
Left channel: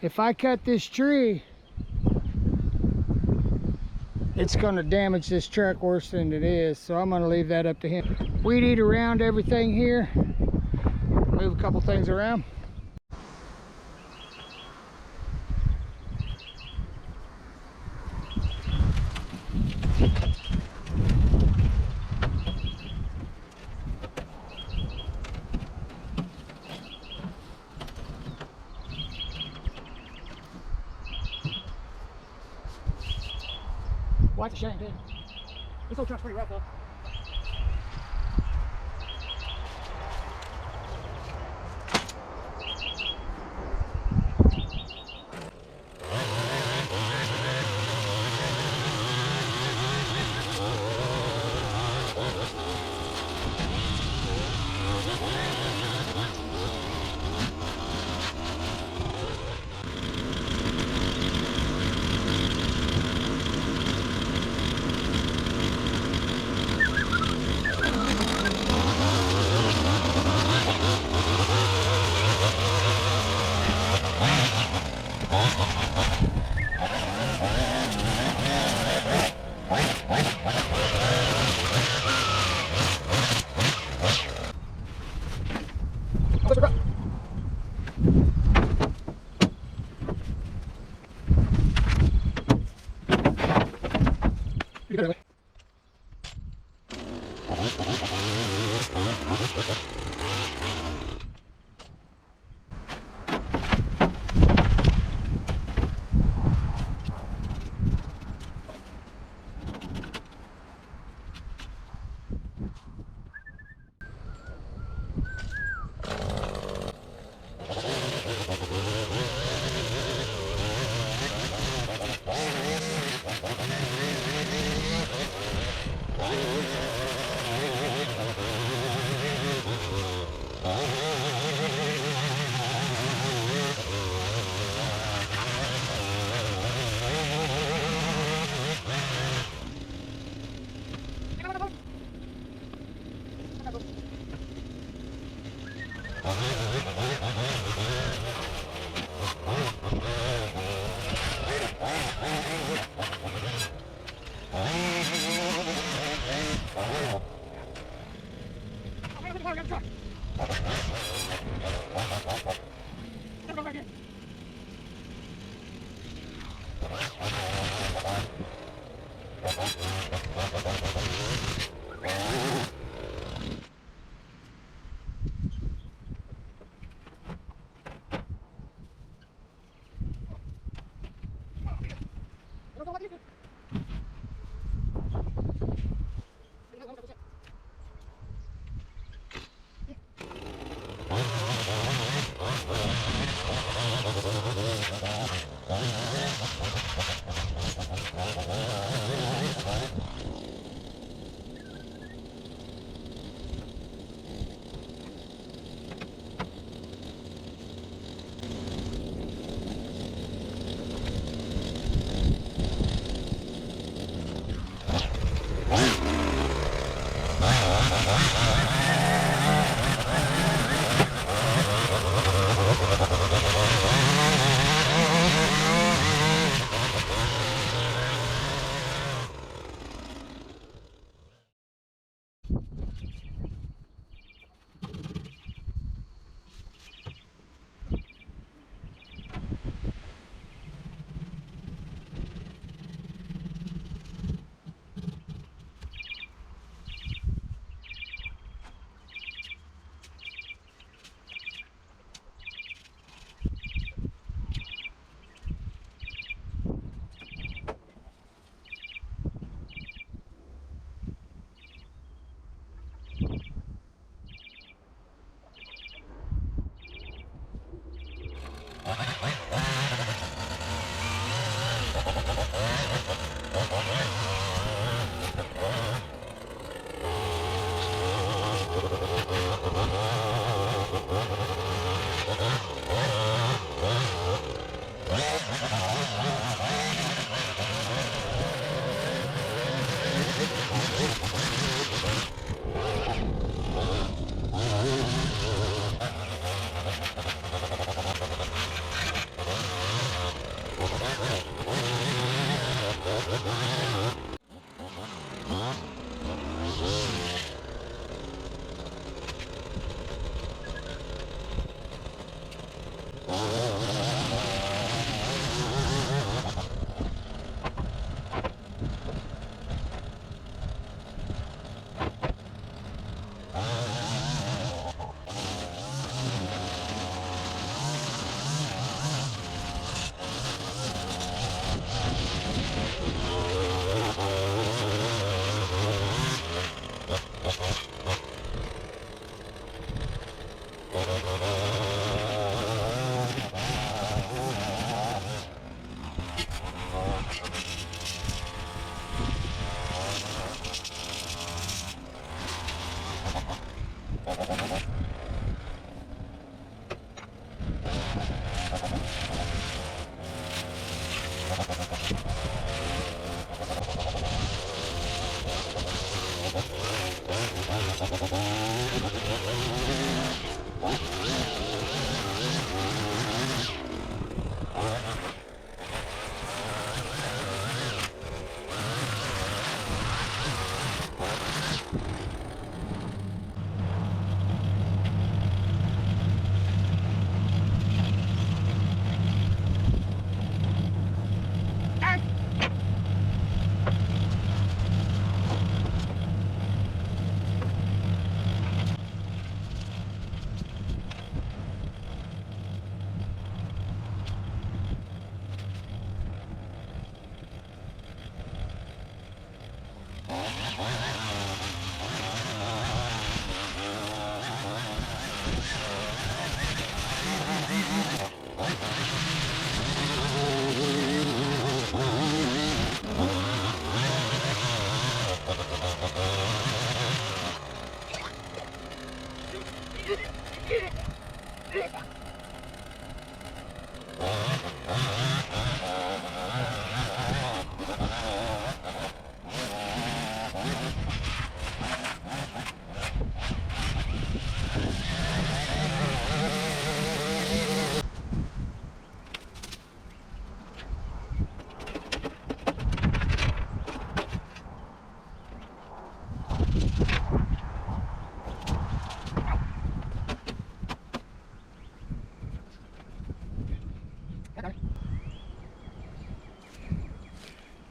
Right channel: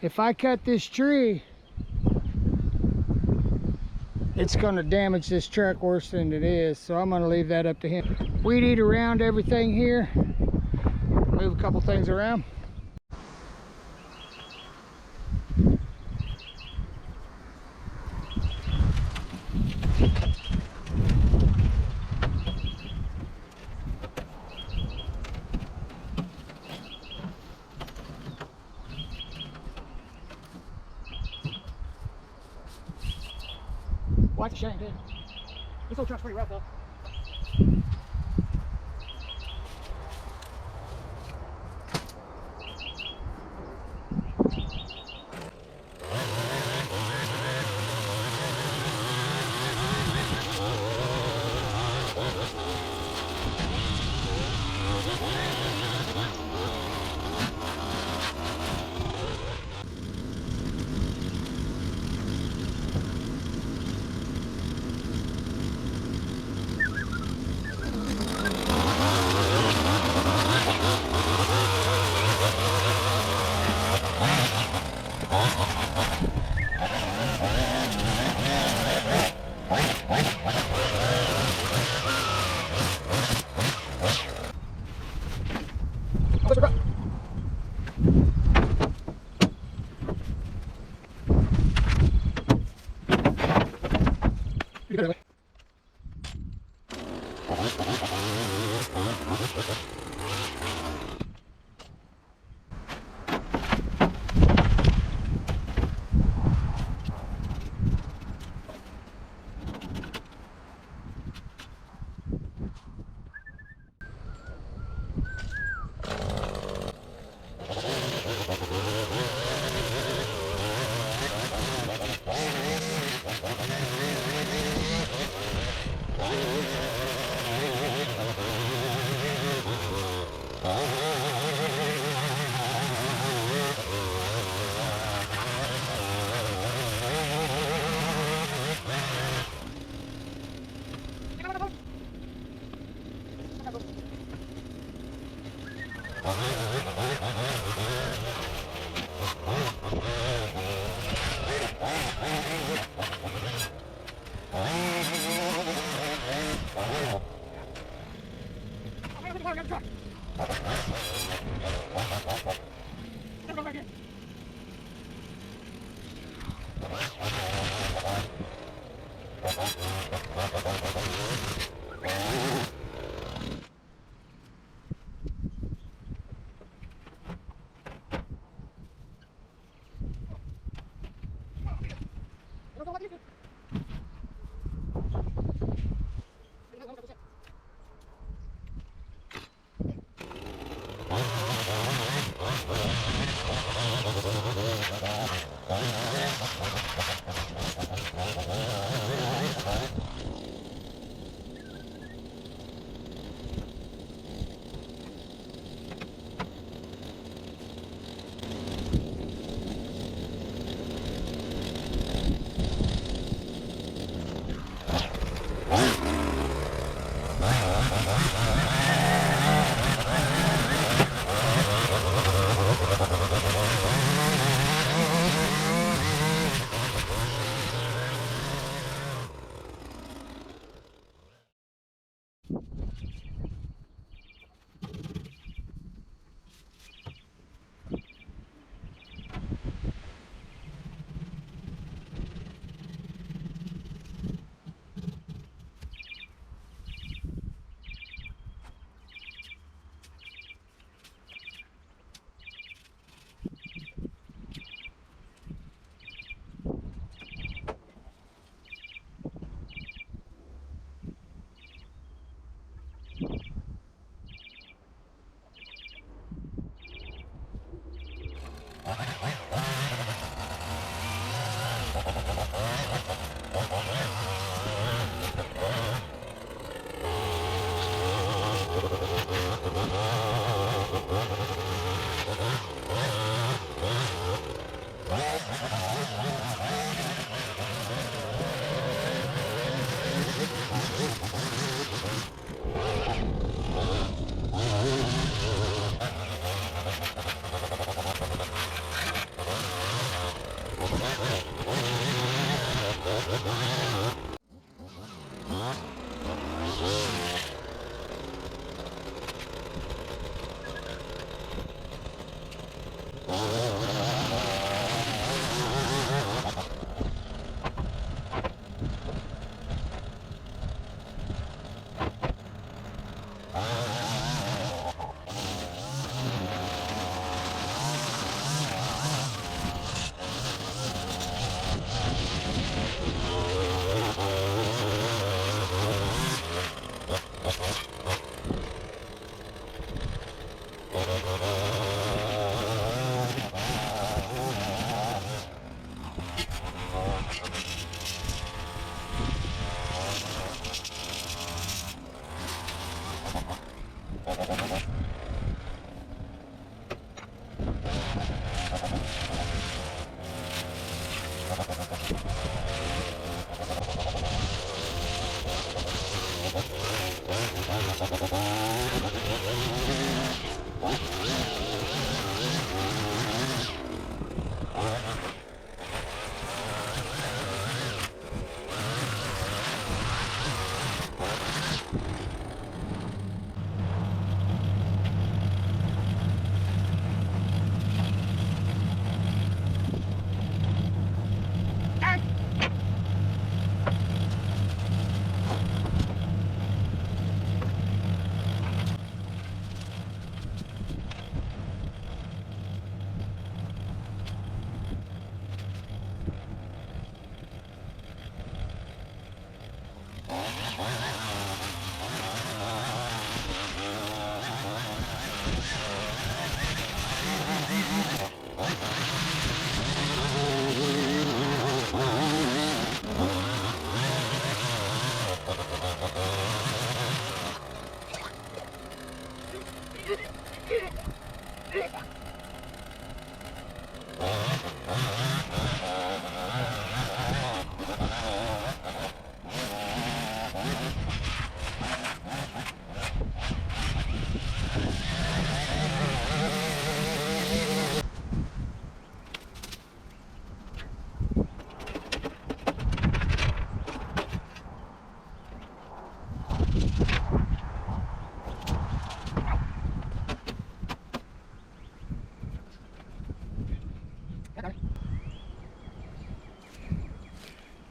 If I cut this tree, it's going to damage this truck worse than it is, so I'm going to leave that up to him. Weed eat around everything here, move a couple things around. Watch the shame, dude. This old truck's pretty rough, though.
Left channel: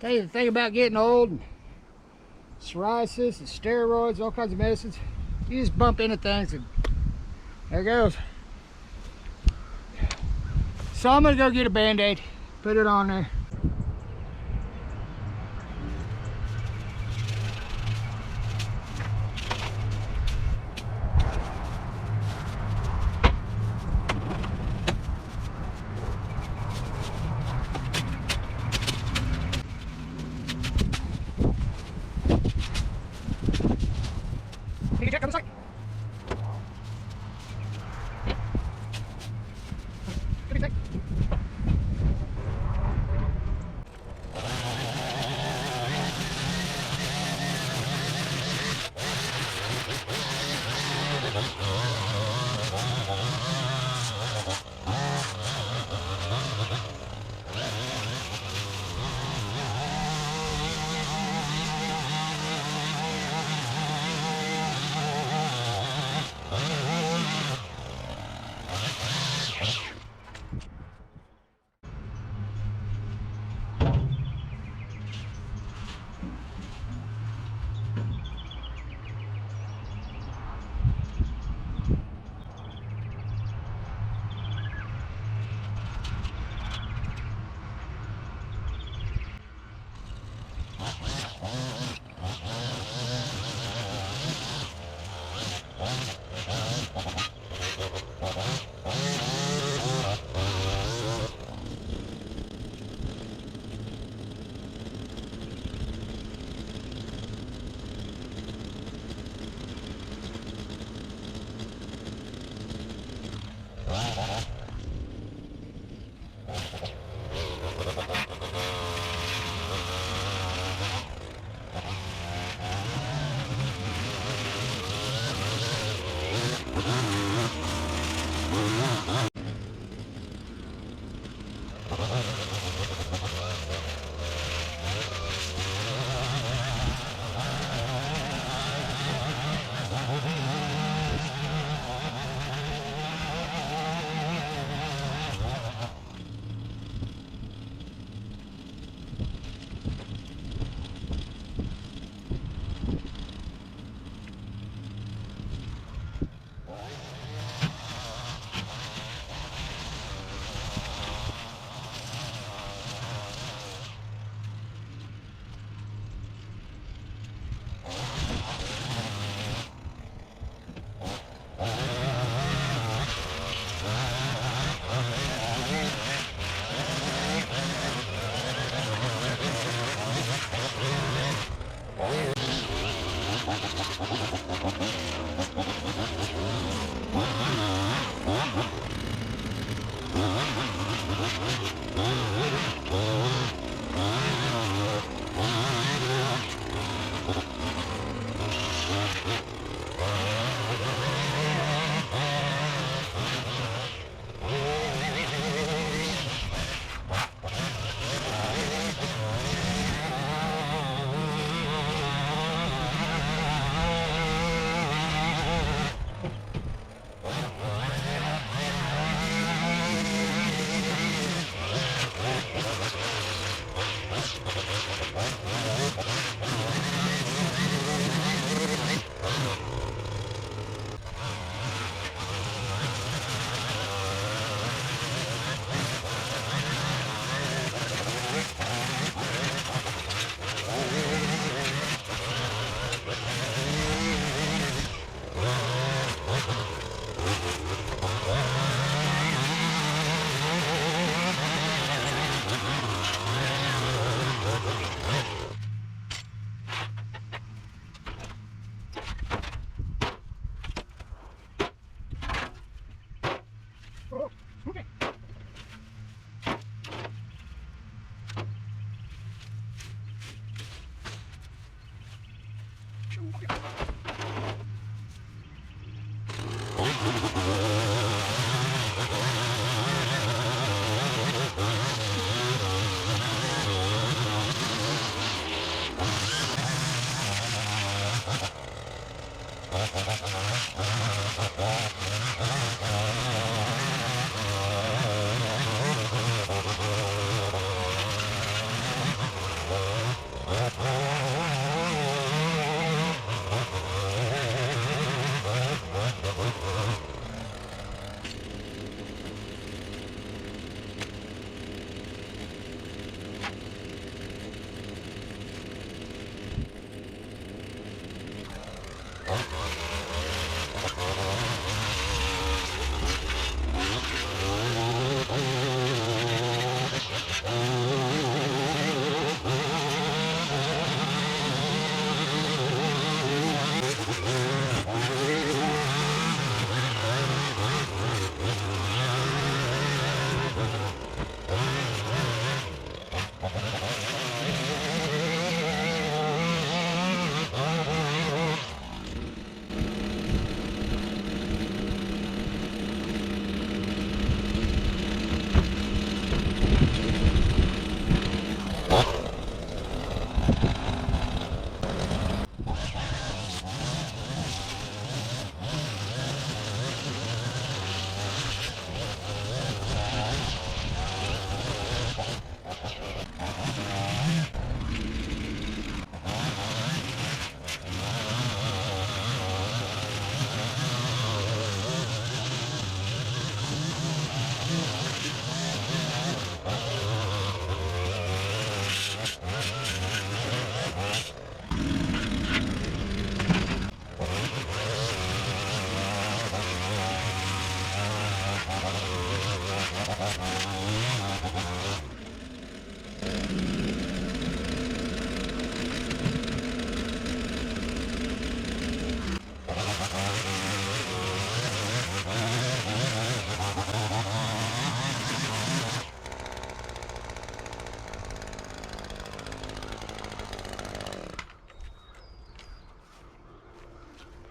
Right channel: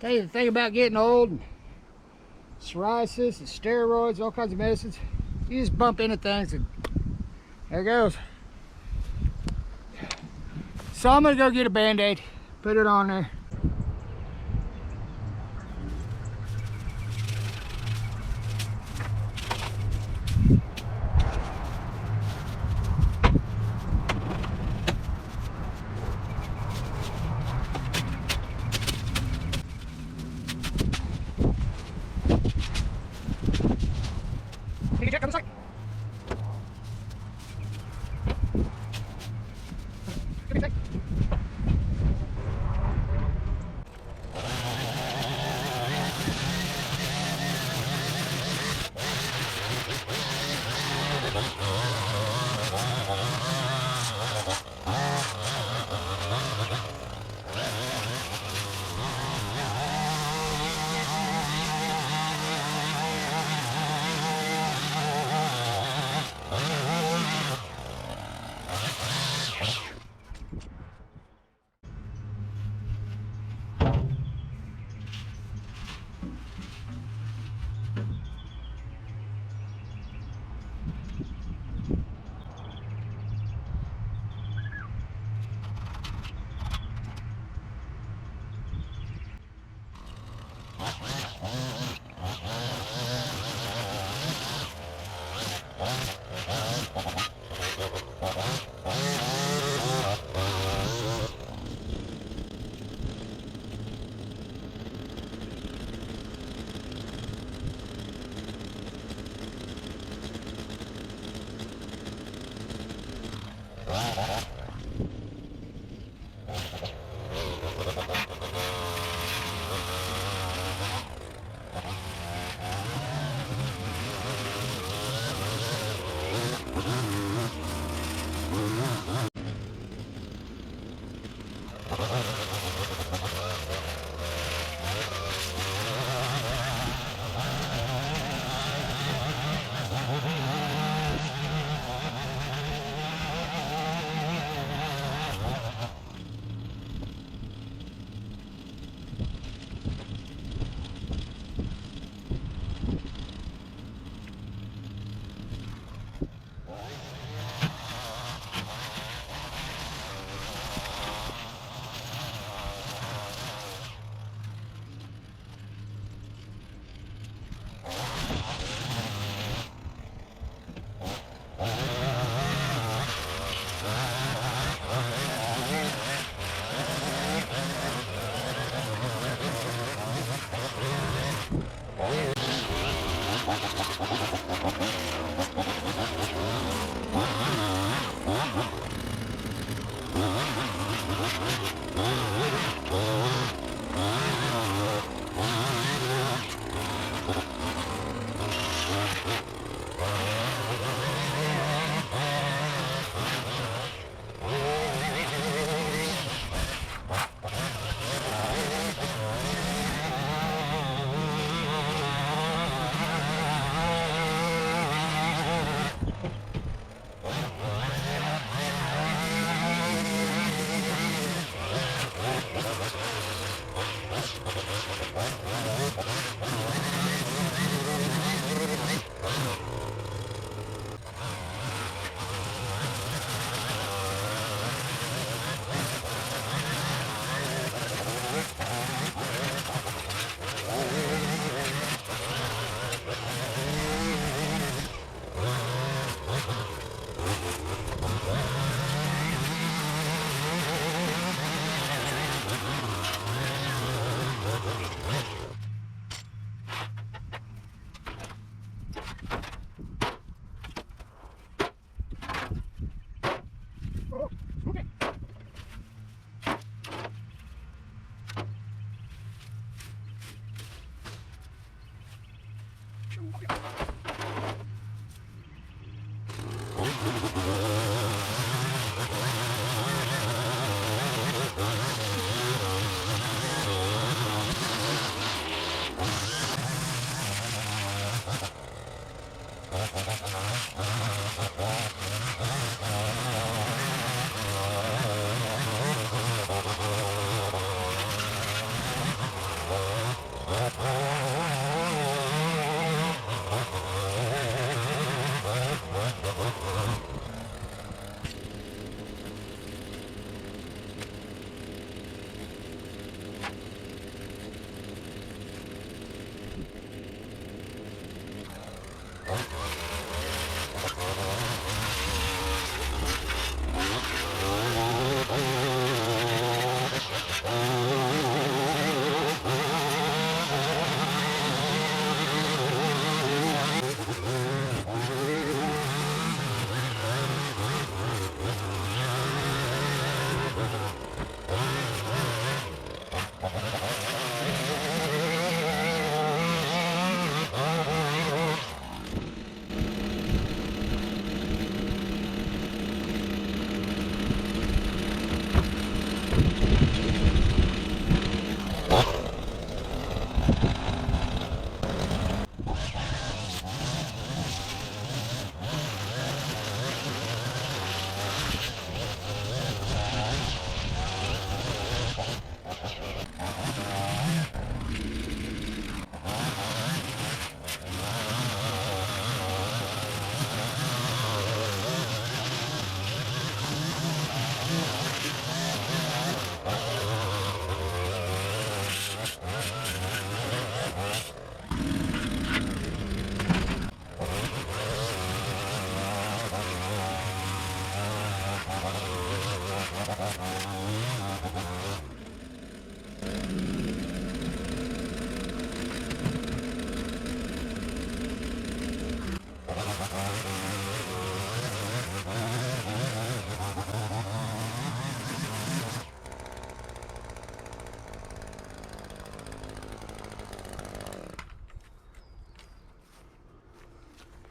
Tell you the thing about getting old, and psoriasis and steroids, all kinds of medicines, you just bump into things and there it goes. So I'm gonna go get a Band-Aid, put it on there.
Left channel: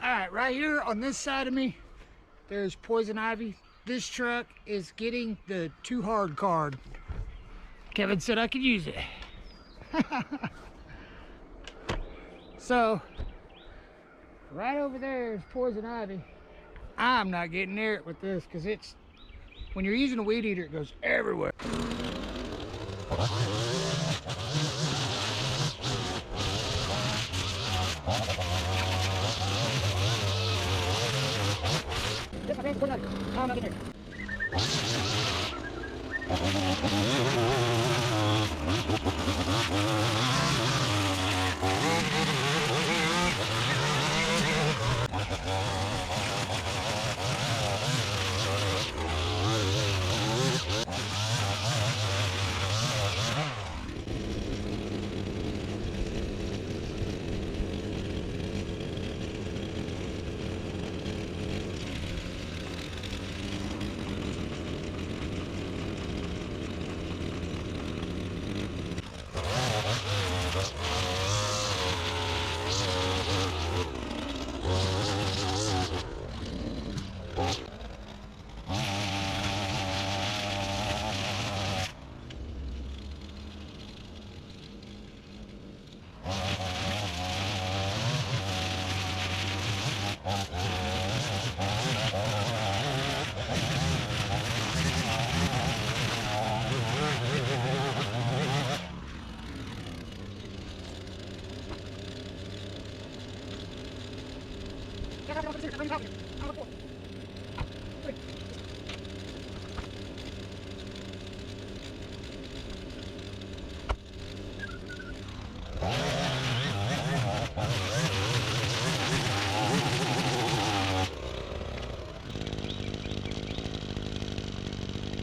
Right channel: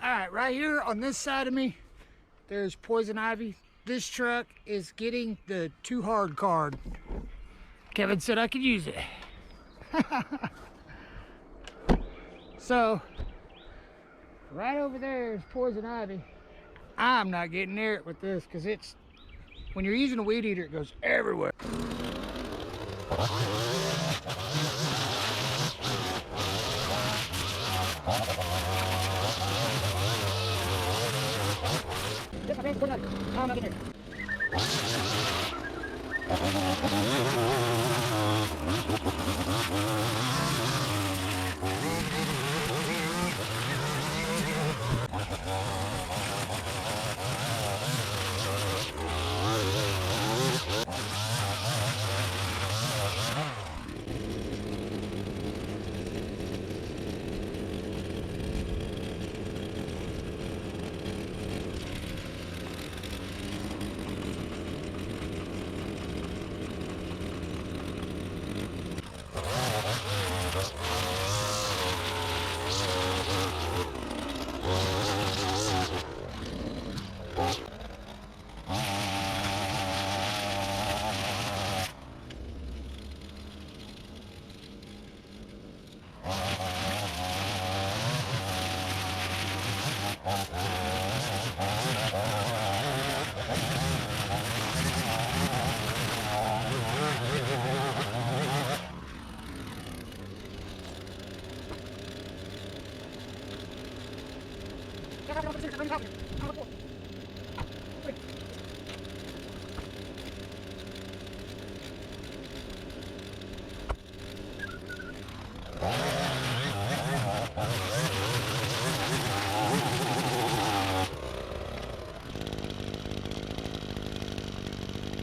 All right, right here on this side of me, there's poison ivy. This truck is getting the too hard card. Kevin said I could use it. So, right over there is poison ivy. I'm not getting near it with this because it's, when you're using a weed eater, it goes everywhere.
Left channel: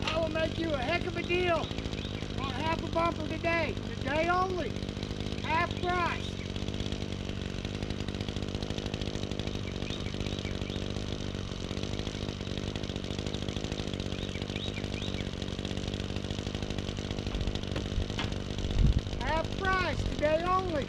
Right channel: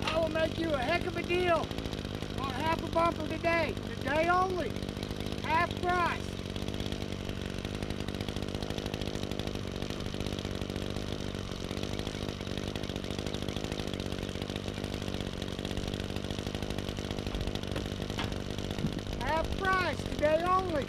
I will make you a heck of a deal on half a bumper today only, half price. Half price today only.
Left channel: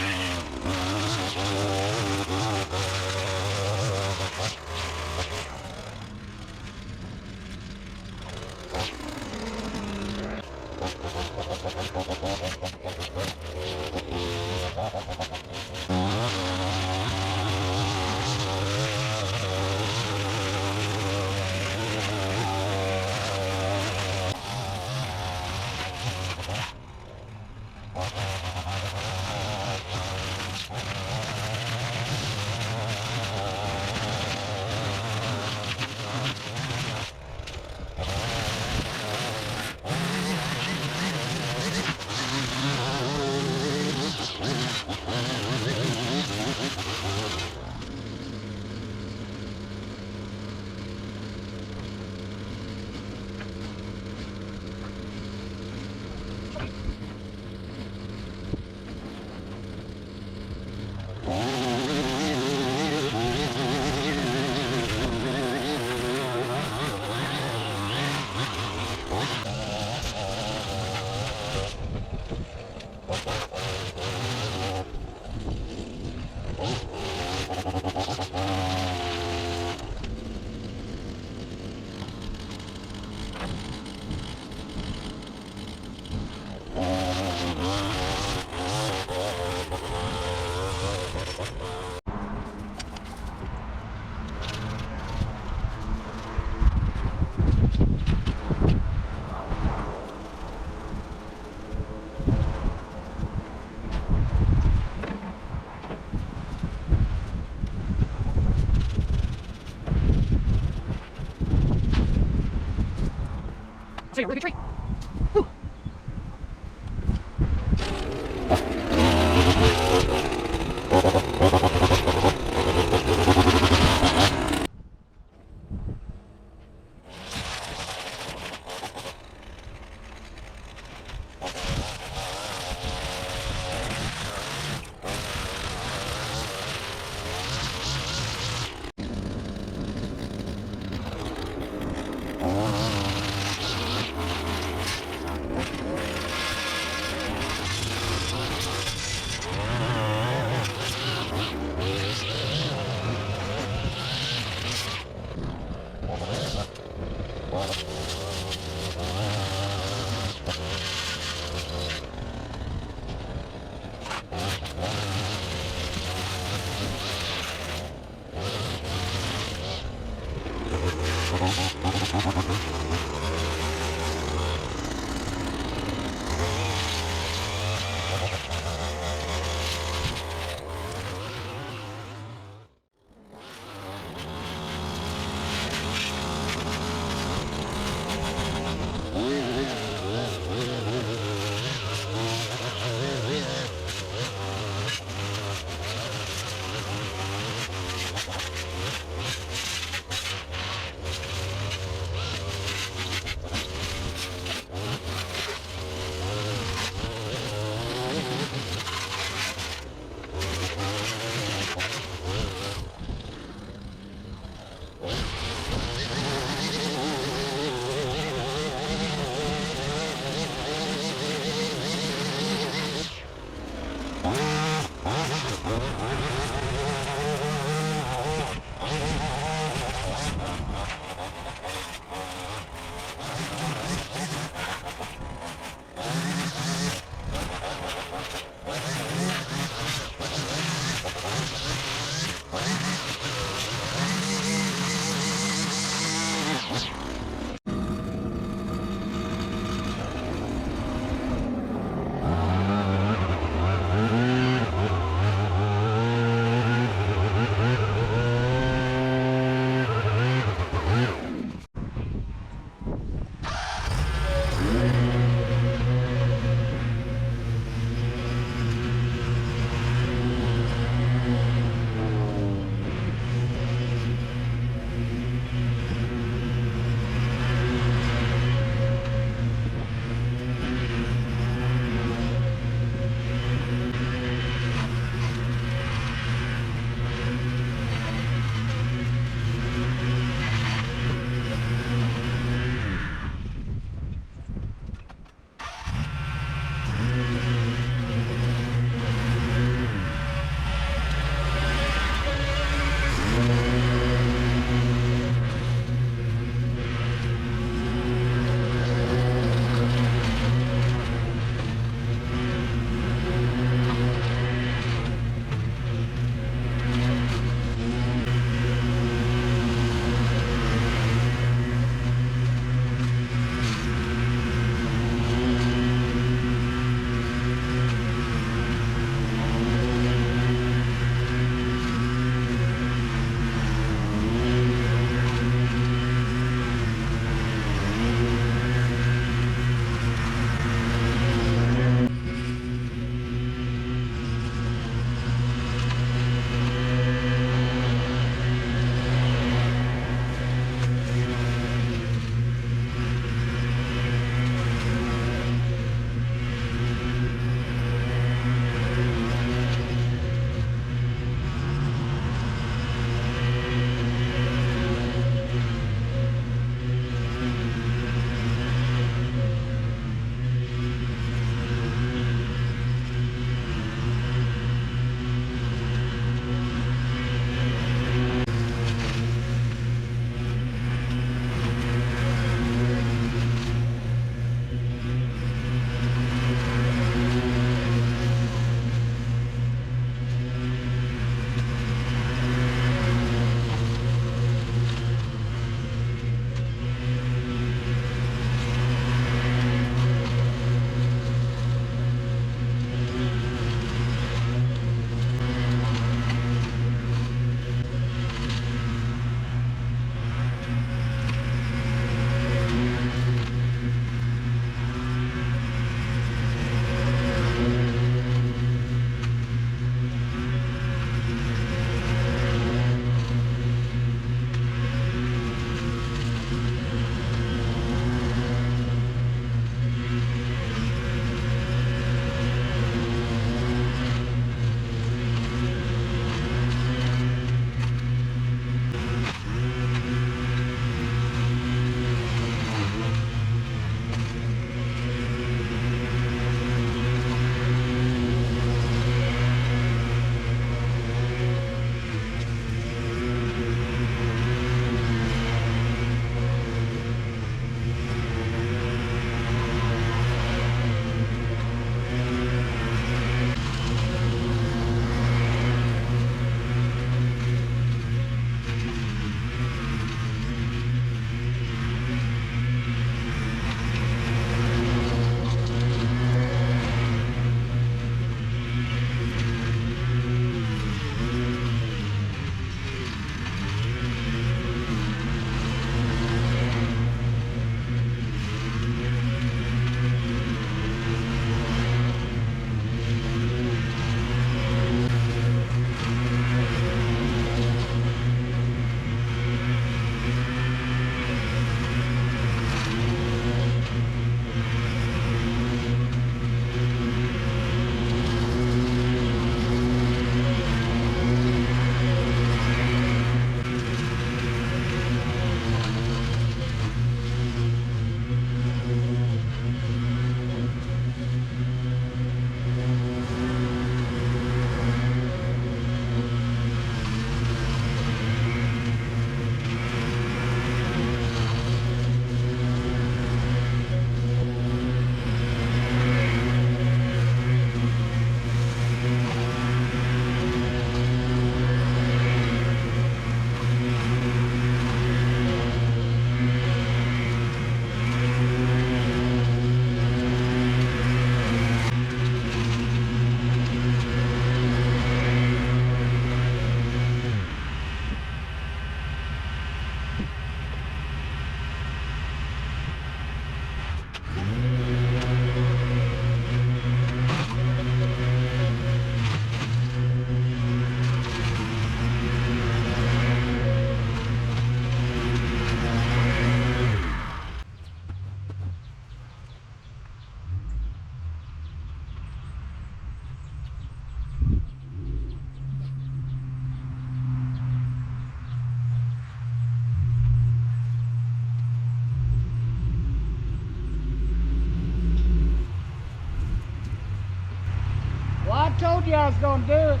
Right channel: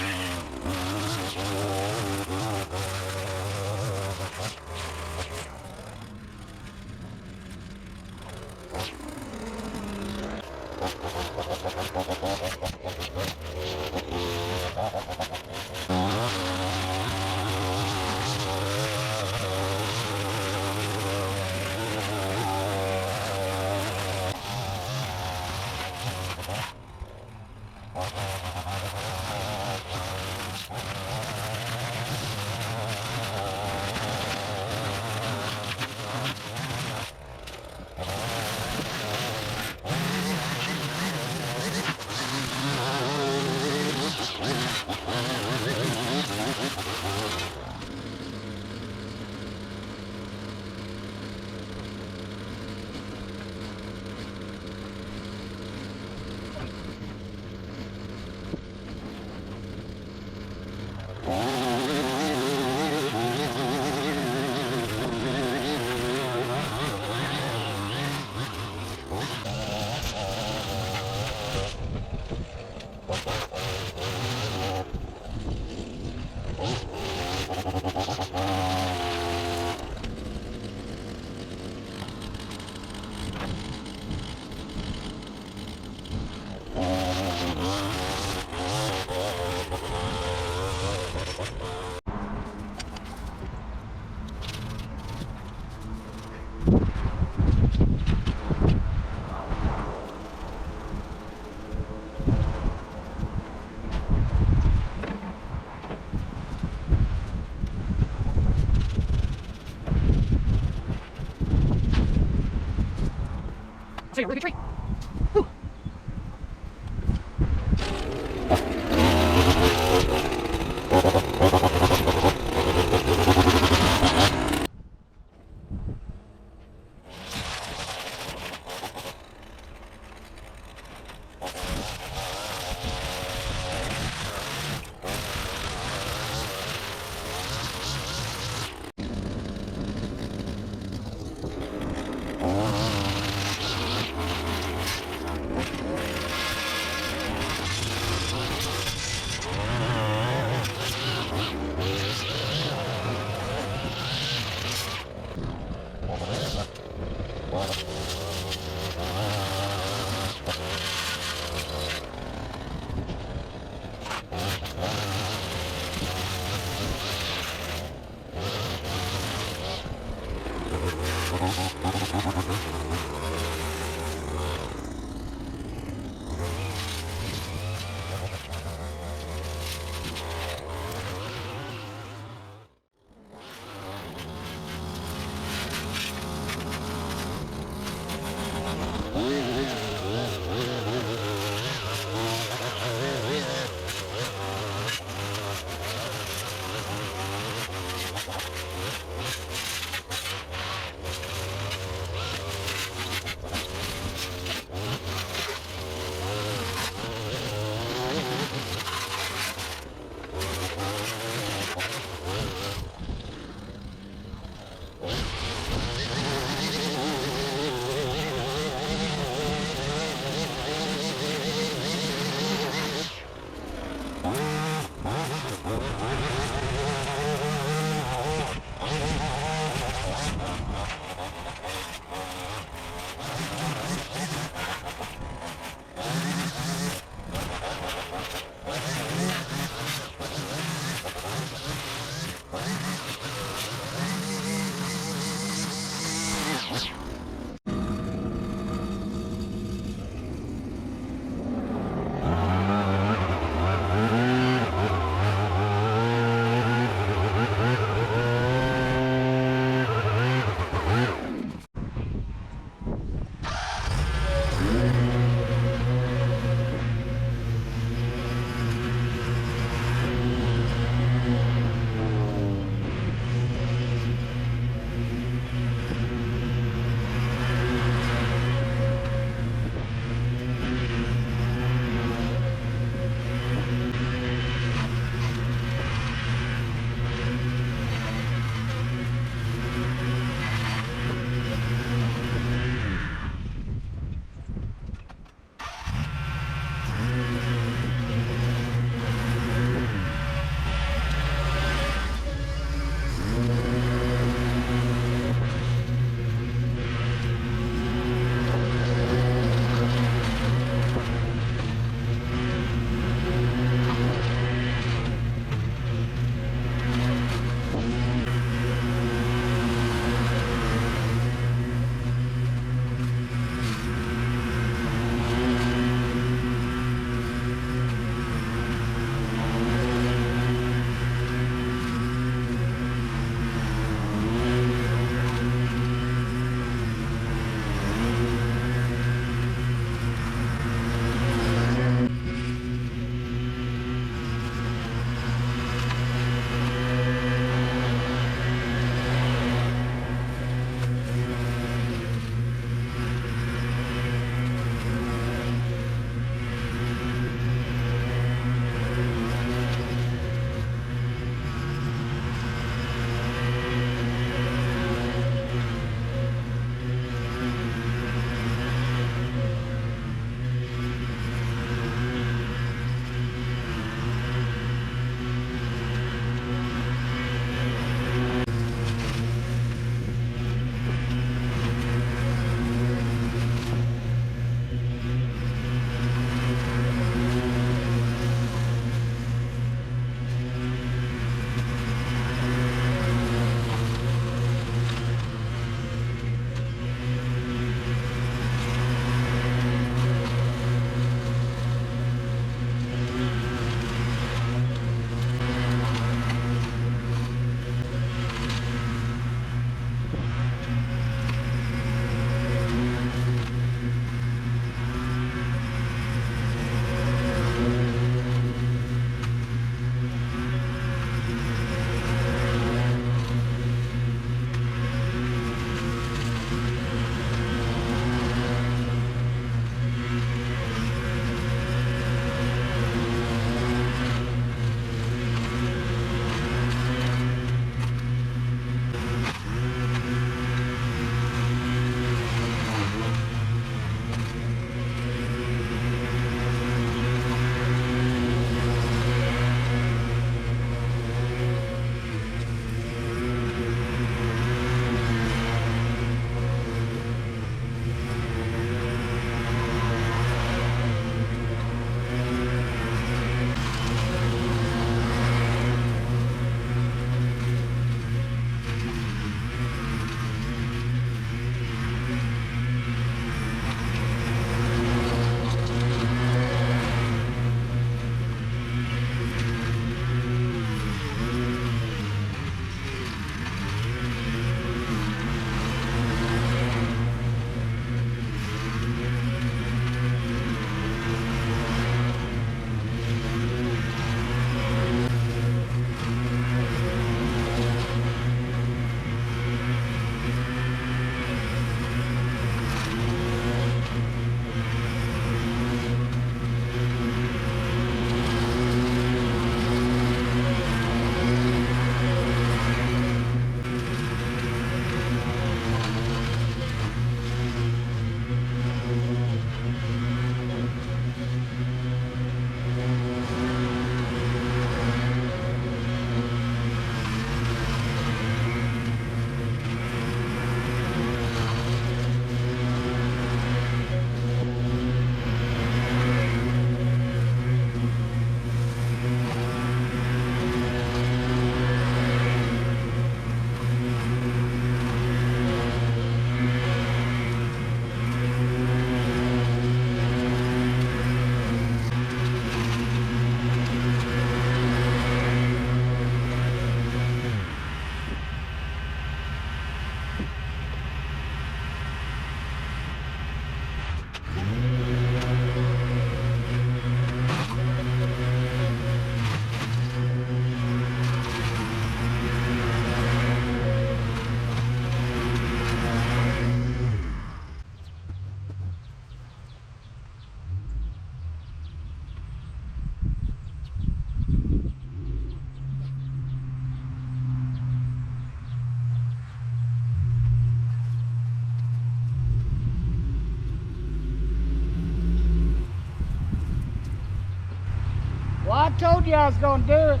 I told you I was gonna do it.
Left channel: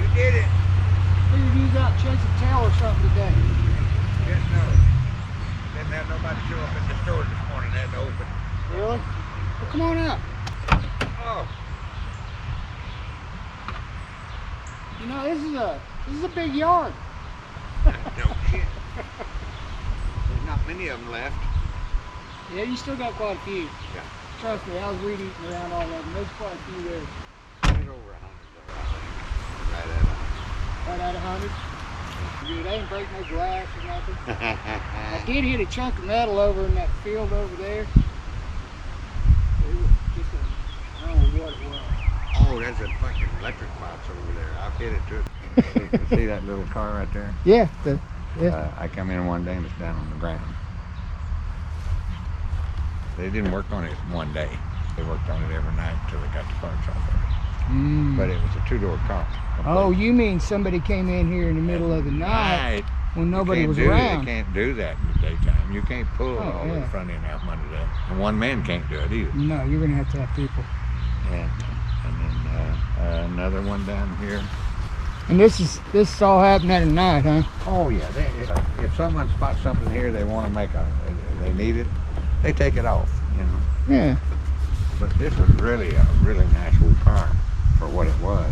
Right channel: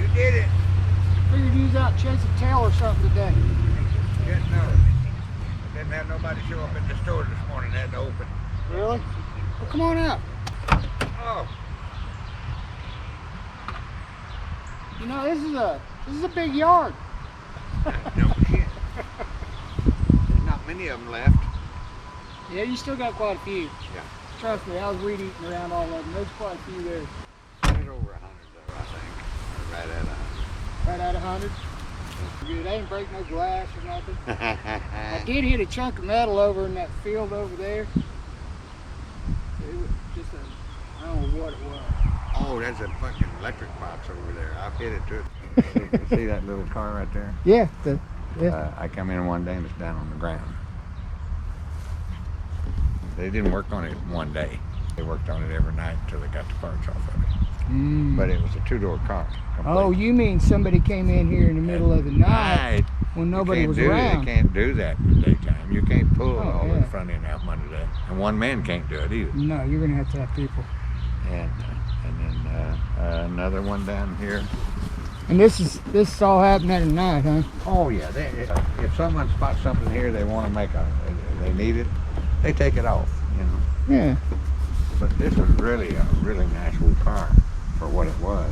You did it. Figured you was out chasing tail or something today. Yes, no. Didn't have nobody show up at the store this morning. Had to open. Really? Well, come on out. Oh, You know, this is a big yard. no shit. There's not many of them left. Yeah, you still got quite a few. Yeah. Trust me, I was weed eating around all of them. There's quite a few there. There's over 100 there, I think. Right at 100. Right at 100. Good. I didn't break no glass or nothing. I did hit a chunk of metal over in that field over there. It was just I don't know what it was. Oh, there's a fucking electric box over there. I've hit it too. You see that little car right there? Yeah. I come in one day and it's down on the ground. They didn't work on it one day. They worked on it every night until they got the parts off of it. Mm. But it was a two-door car. Oh, you mean somebody came in here in the middle of the night when nobody was around? You can't do that in the daytime. You can't pull all yeah. the front end out from under that. And one man can't do it either. No, you're gonna have to have people. And then another one down here. And this is all happening at night, huh? Oh yeah. If someone spots something here, they want to they need it, they take it off. You know. Yeah. But this was really a really nice little car for what it was.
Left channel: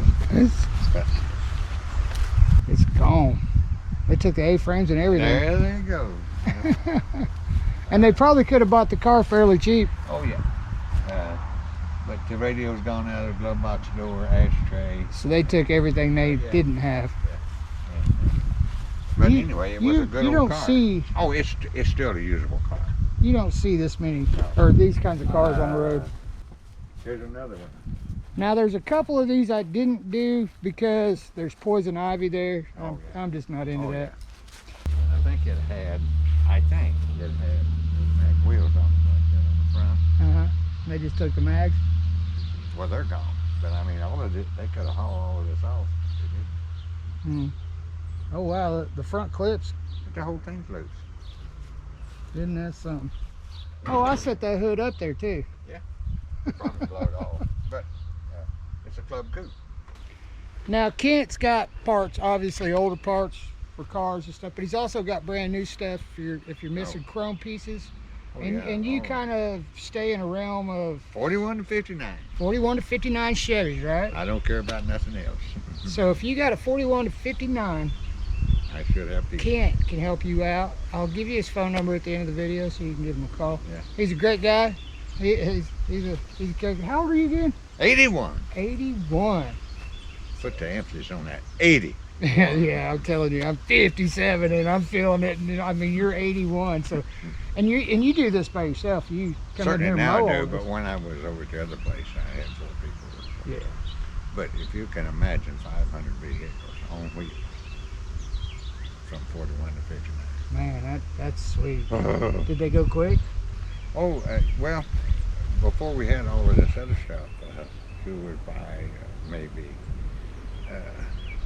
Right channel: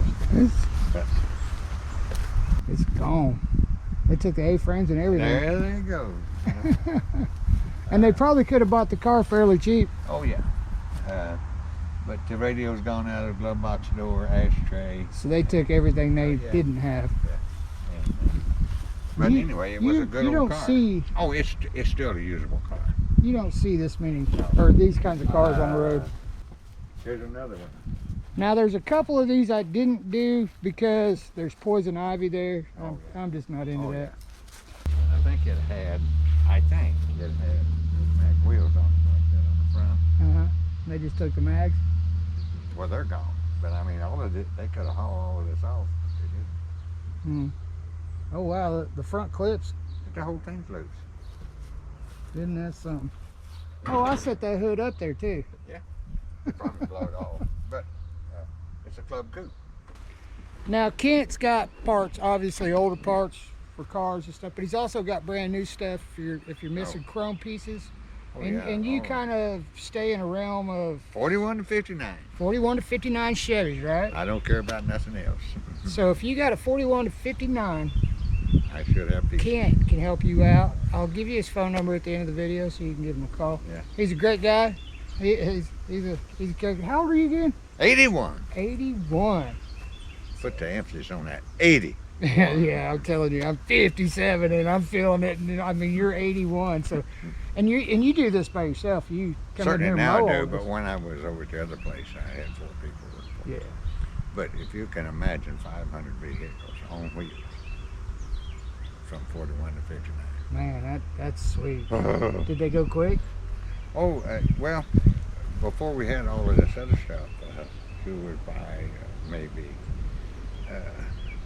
It's gone. They took the A-frames and everything. There you go. And they probably could have bought the car fairly cheap. Oh yeah. But the radio's gone out of the glove box door, ashtray. So they took everything they didn't have. But anyway, it was a good old car. See, oh, it's still a usable car. You don't see this many, or these kinds of cars on the road. Here's another one. Now there's a couple of these I didn't do because there's poison ivy there. I'm just not into that. Yeah. I think it had mag wheels on it like that on the front. Uh-huh. They just took the mags? Well, they're gone. But I mean, all of it, they could have hauled all of this off. Hmm. Oh wow, the front clips. The whole thing's loose. Isn't that something? Oh, I set that hood up there too. Yeah. Probably blow it off. But it's a club coupe. Now Kent's got parts, obviously older parts for cars and stuff, but he's also got brand new stuff if you're missing chrome pieces. And you kind of stay in a realm of 41 to 59. 41 to 59 Chevys, right? I don't care about nothing else. So if you got a 41 to 59, I should have people. Kent can help you out. I'll give you his phone number at the end of the video so you can give him a call. Yeah. He's a great guy. He's a character. How old are you again? 81. 81. Put the emphasis on that. 80. Yeah, I'm telling you, I'm 57 and I'm feeling it. And I mean, you're 81, so and you do this by yourself. You come Certainly in here now and mow I do, all but this. when I was over at the other place, I had 4 people work for me. Yeah. But if you can imagine 500 vehicles on wheels from 41 to 59. Man, that's sweet. Did they go quick? Oh, well, before we had all of this other stuff, you would buy maybe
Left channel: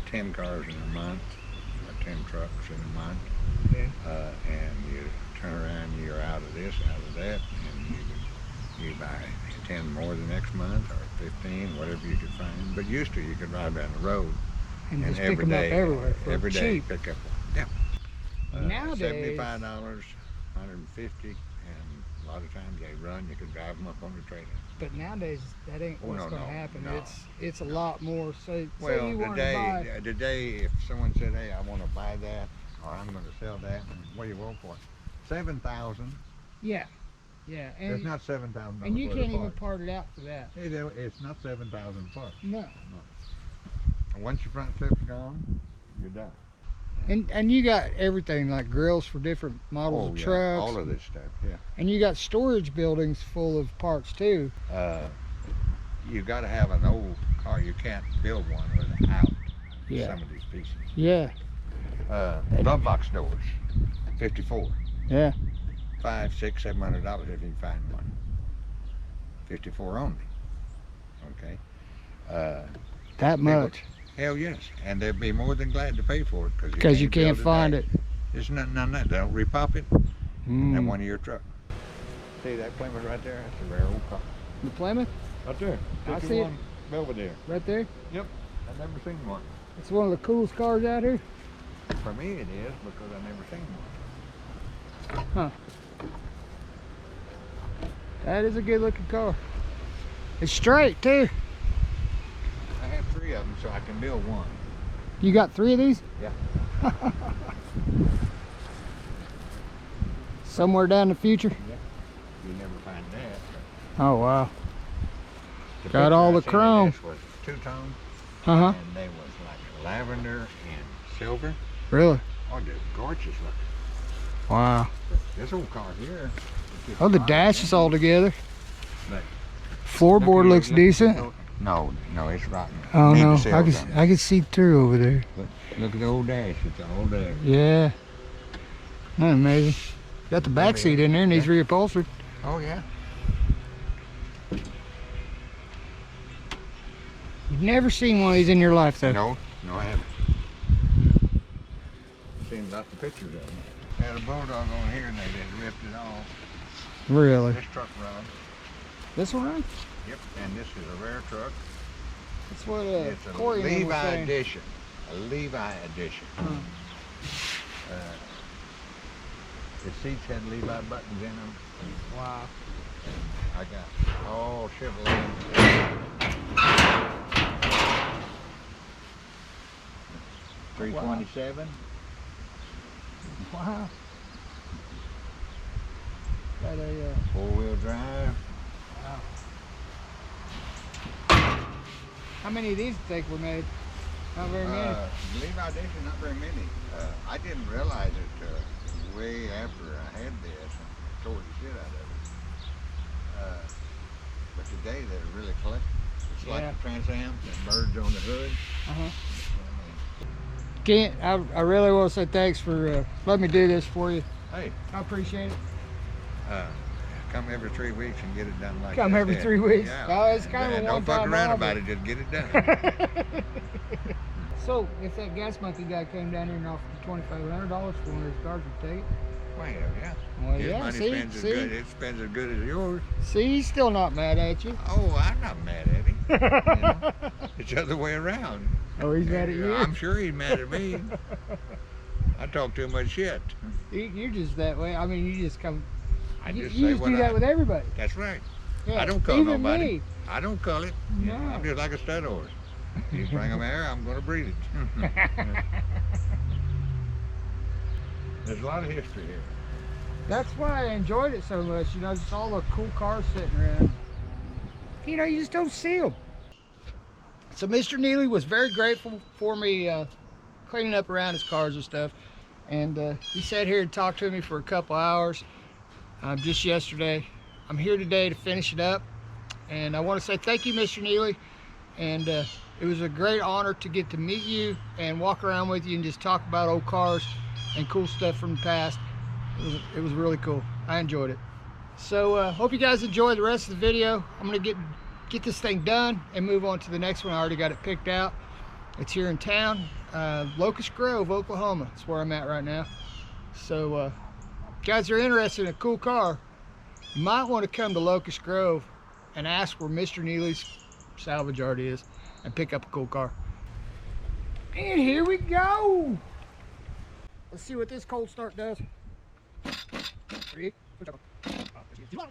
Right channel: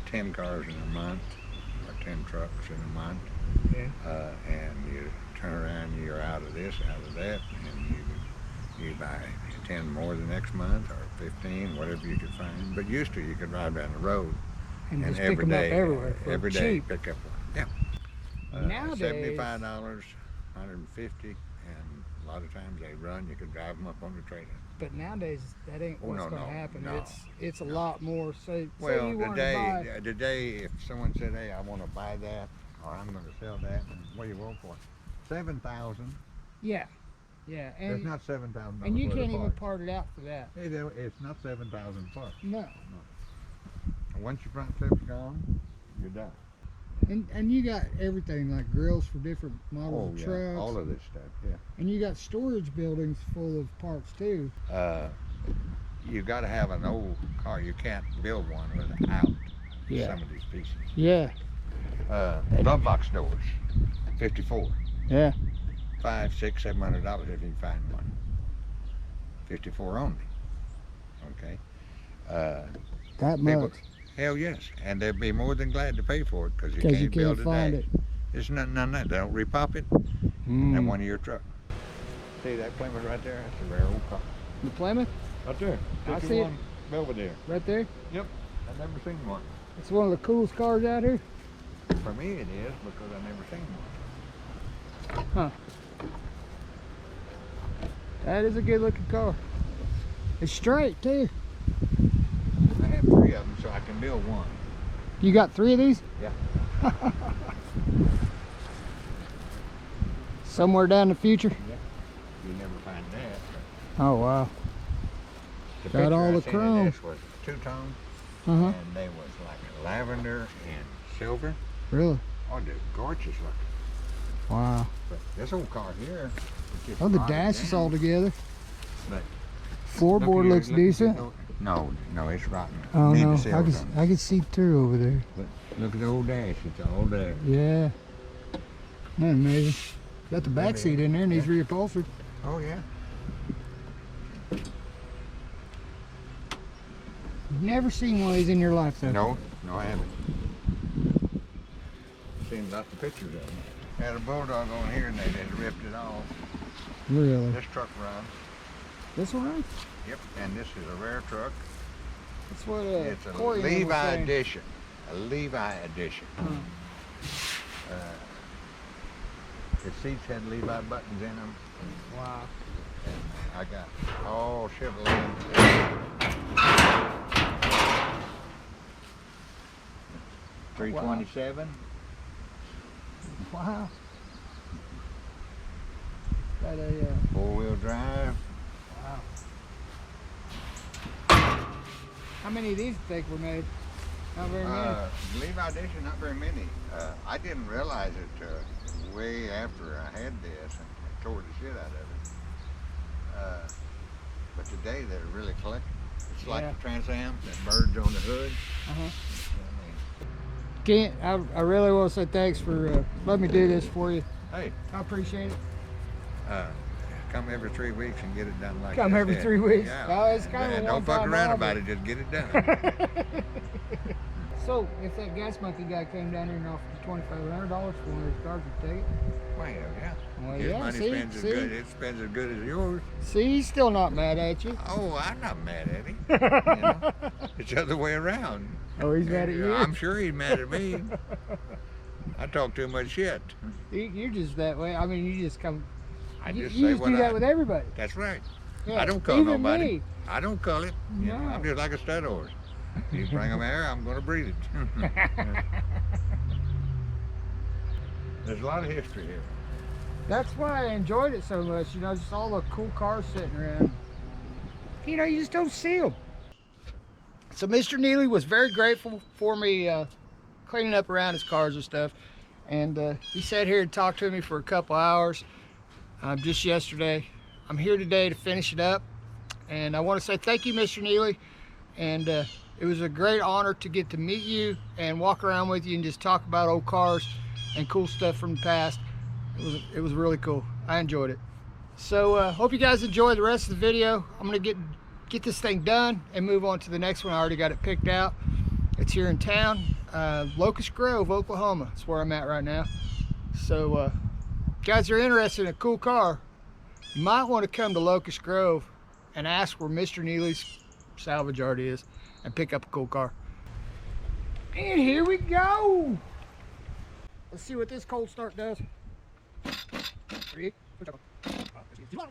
10 cars in a month or 10 trucks in a month. Yeah. And you turn around, you're out of this, out of that, and you buy 10 more the next month or 15, whatever you could find. But used to, you could ride down the road And just pick them up everywhere for every day cheap. pick up one. Yeah. Nowadays, $75, $150, and a lot of times they run. You could drive them up on the trailer. but nowadays that ain't what's going to happen. No, it's a lot more. Say Well, you wanted to buy. today, if someone said, "Hey, I want to buy that," or "I'm going to sell that," what do you want for it? $7,000. Yeah, and It's not $7,000. and you can't even part it out for that. It's not $7,000 parts. No. And once your front clip's gone, you're done. And you got everything like grills for different models of trucks. All of this stuff, yeah. And you got storage buildings full of parts too. You got to have an old car. You can't build one without some of these pieces. Yeah. Glove box doors, 54. Yeah. $500, $600, $700 if you can find one. 54 only. Okay. That much. Hell yes, and they'd be more than glad to pay for it because you can't find it. There's nothing on that. They don't repop it. And one of your truck. See that Plymouth right there? That's a rare old car. The Plymouth? Right there. I see it. Belvedere. Right there? Yep. I've never seen one. It's one of the coolest cars out here. For me it is because I've never seen one. Huh. That is a good looking car. It's straight too. I have 3 of them so I can build one. You got 3 of these? Yeah. Somewhere down the future? Yeah. You never find that. Oh wow. The Got all the picture I seen of chrome. this was 2-tone, Uh-huh. and they was like lavender and silver. Really? Oh, they're gorgeous looking. Wow. But this old car here. it's just Oh, the rotted dash is down. all together. But Floorboard look looks here, look at decent. this. No, it's rotten. Oh Need no, the cells on it. I can see through over there. But look at the old dash. It's all there. Yeah. Isn't that amazing? Got the back seat in there and he's Yeah. reupholstered. Oh yeah. You've never seen one of these in your life though. No, I haven't. Seen lots of pictures of them. Had a bulldog on here and they just ripped it off. Really? This truck runs. This one right? Yep. And this is a rare truck. That's what It's a Corey was Levi saying. edition. A Levi edition. The seats had Levi buttons in them. Wow. I got all Chevrolet. 327. Wow. Got a 4-wheel drive. wow. How many of these do you think were made? Not very many. Levi edition, not very many. I didn't realize it way after I had this and tore the shit out of it. But today they're really collectible. It's Yeah. like the Trans Am, that birds on the hood. Uh-huh. Kent, I really want to say thanks for letting me do this for you. Hey, I appreciate it. come every 3 weeks and get it done like Come that. every 3 weeks. Yeah. Oh, it's kind of a And don't fuck one-time around offer. about it, just get it done. So, if that gas monkey guy came down here and offered you $2,500 for one of these cars, would you take it? Well, yeah. Well, His yeah, money see, spends as good. It spends as good as yours. See, he's still not mad at you. Oh, I'm not mad at him. You know? It's the other way around. Oh, he's mad at you? I'm sure he's mad at me. I talk too much shit. You're just that way. I mean, you just come. I You just you say just what do that with everybody. That's right. Yeah, I don't call even nobody. me. I don't call it. You know, No. I'm just like a stud horse. You bring them air, I'm going to breed it. There's a lot of history here. That's why I enjoyed it so much. You know, just all the cool cars sitting around. You know, you just don't see them. So Mr. Neely was very grateful for me cleaning up around his cars and stuff. And he sat here and talked to me for a couple hours just yesterday. I'm here today to finish it up. And I want to say thank you, Mr. Neely. And it was a great honor to get to meet you and walk around with you and just talk about old cars and cool stuff from the past. It was really cool. I enjoyed it. So hope you guys enjoy the rest of the video. I'm gonna get this thing done and move on to the next one. I already got it picked out. It's here in town, Locust Grove, Oklahoma. That's where I'm at right now. So if you guys are interested in a cool car, you might want to come to Locust Grove and ask where Mr. Neely's salvage yard is and pick up a cool car. And here we go. Let's see what this cold start does. 3, 2, 1.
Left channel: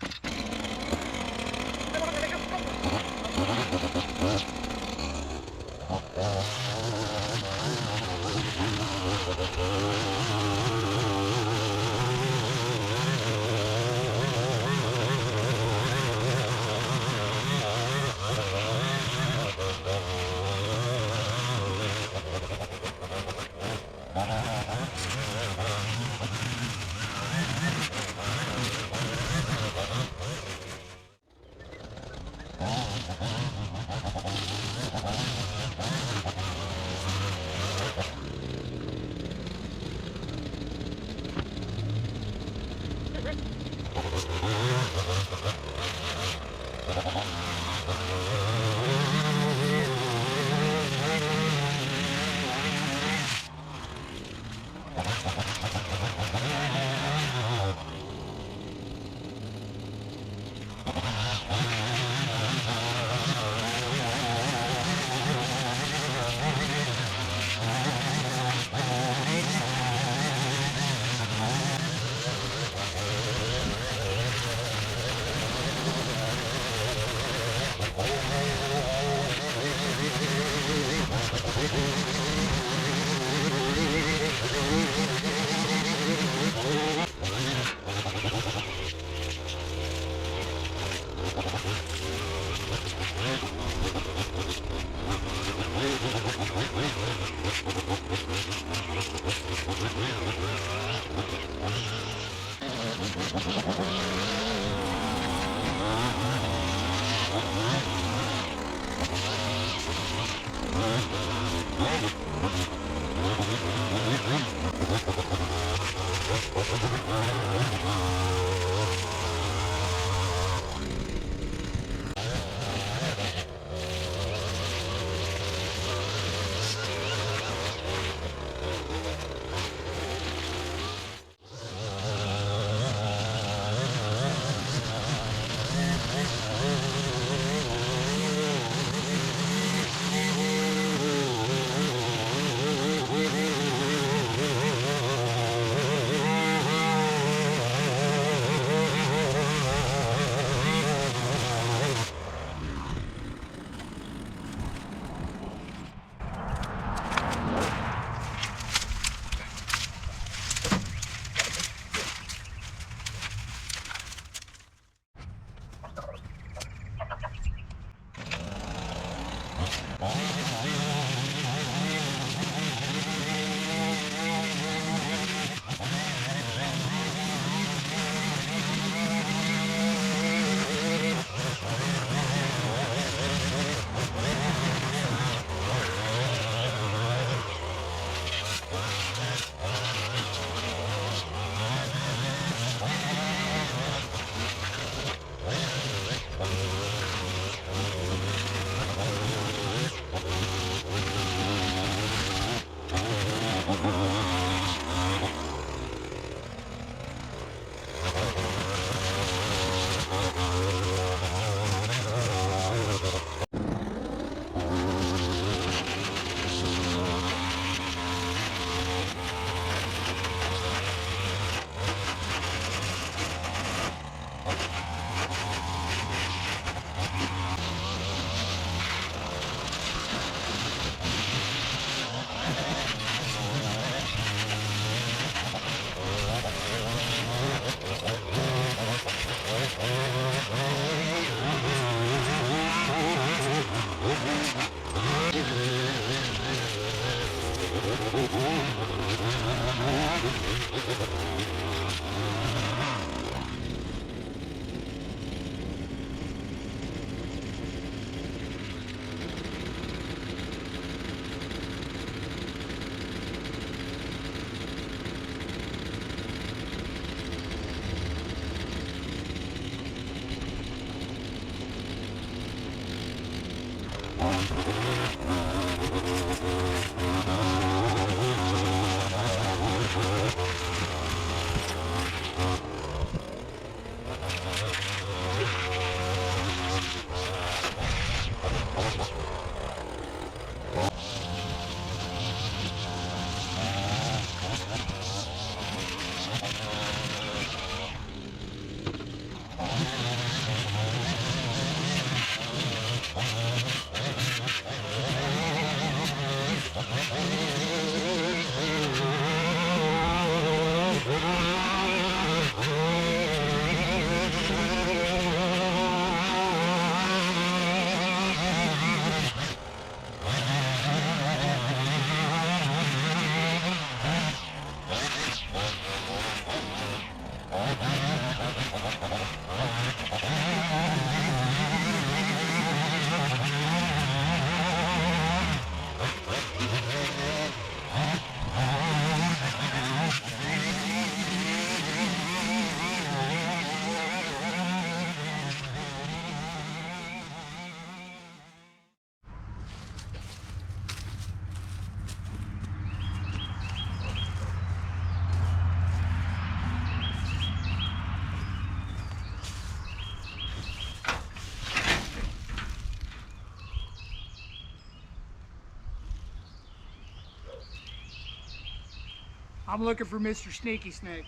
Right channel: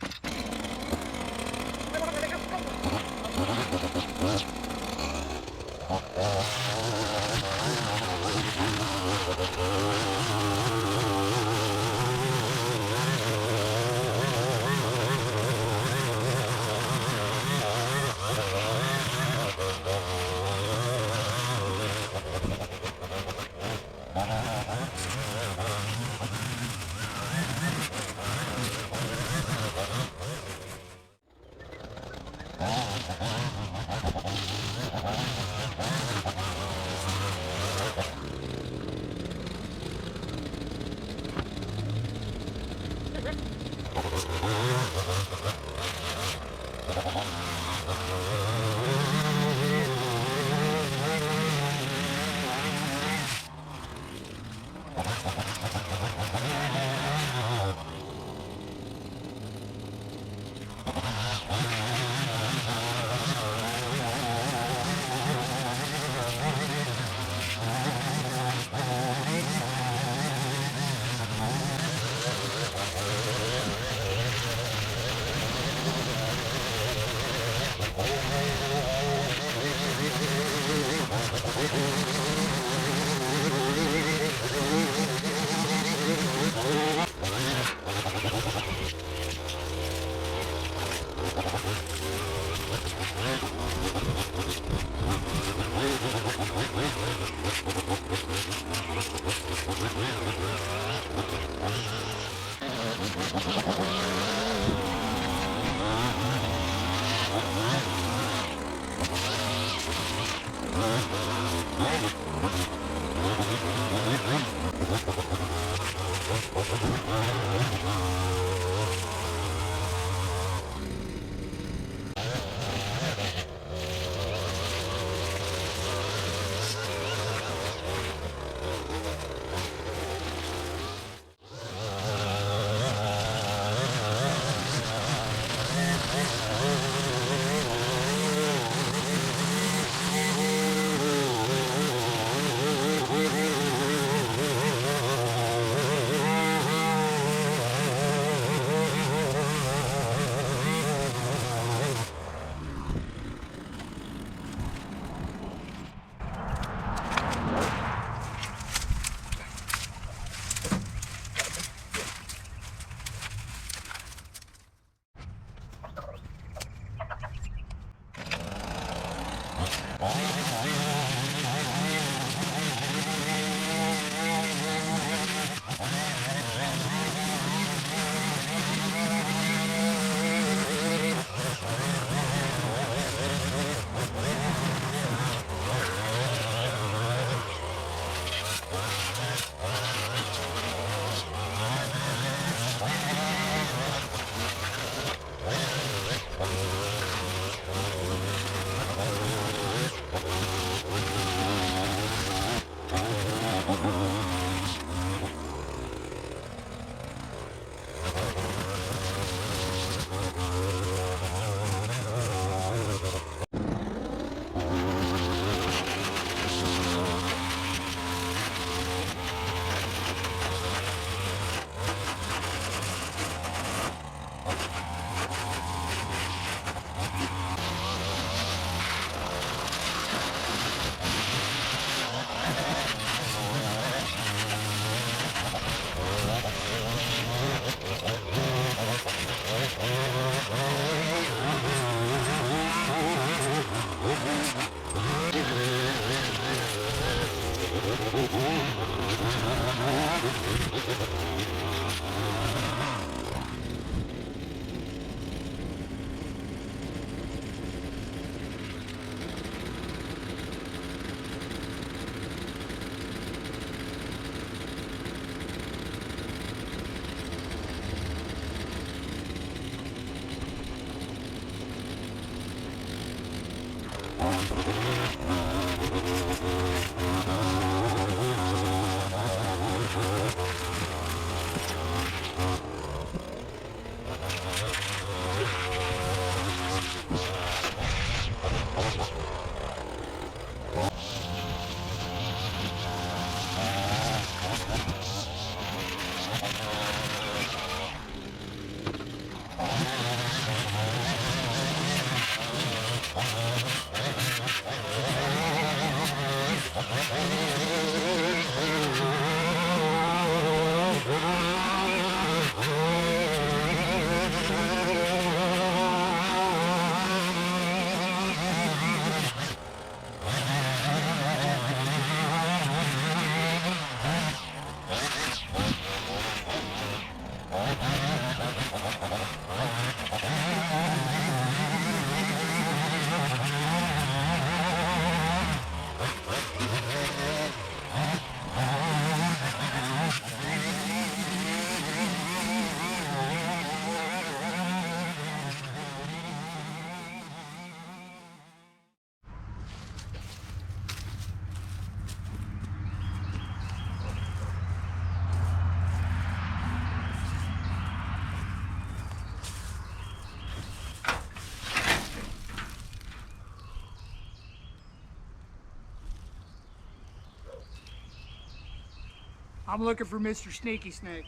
I'm looking for Mr. Sneaky Snake.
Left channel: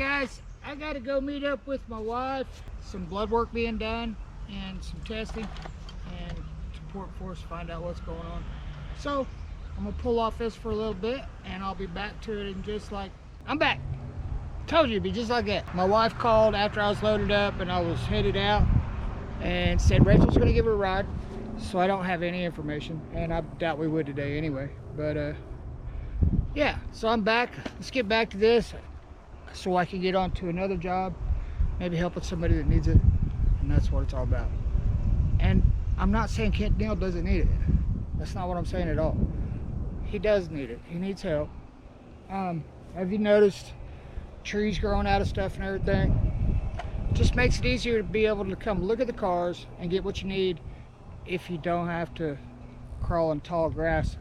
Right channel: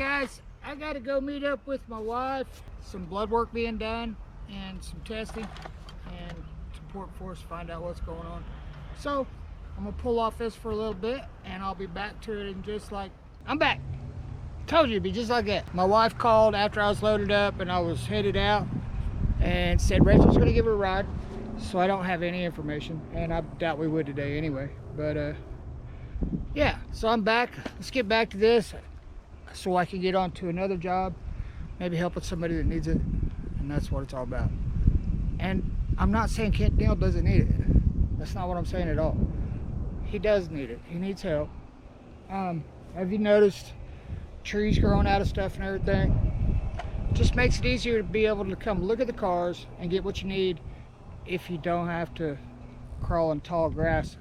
guys, I gotta go meet up with my wife. Some blood work being done and some testing and support for us to find out what's going on. So I'm gonna pull off this for a little bit and I'll be back to it in just like, I'm back. Told you it'd be just like that. My wife called after I was loaded up and I was headed out and said Rachel's gonna give her a ride. So I don't have any information, and I doubt we would today anyway. But yeah, so I'm back. Let's get back to this so I can get on to another job, maybe help with somebody that needs it, and that's what it's all about. And I'm not saying Kenneth Neel doesn't need it. That's not what I'm saying at all. He does need it. He needs help. Have you noticed trees growing out of stuff and everything? Just makes it easier to be able to come look at the cars and get what you need if you don't have to crawl in tall grass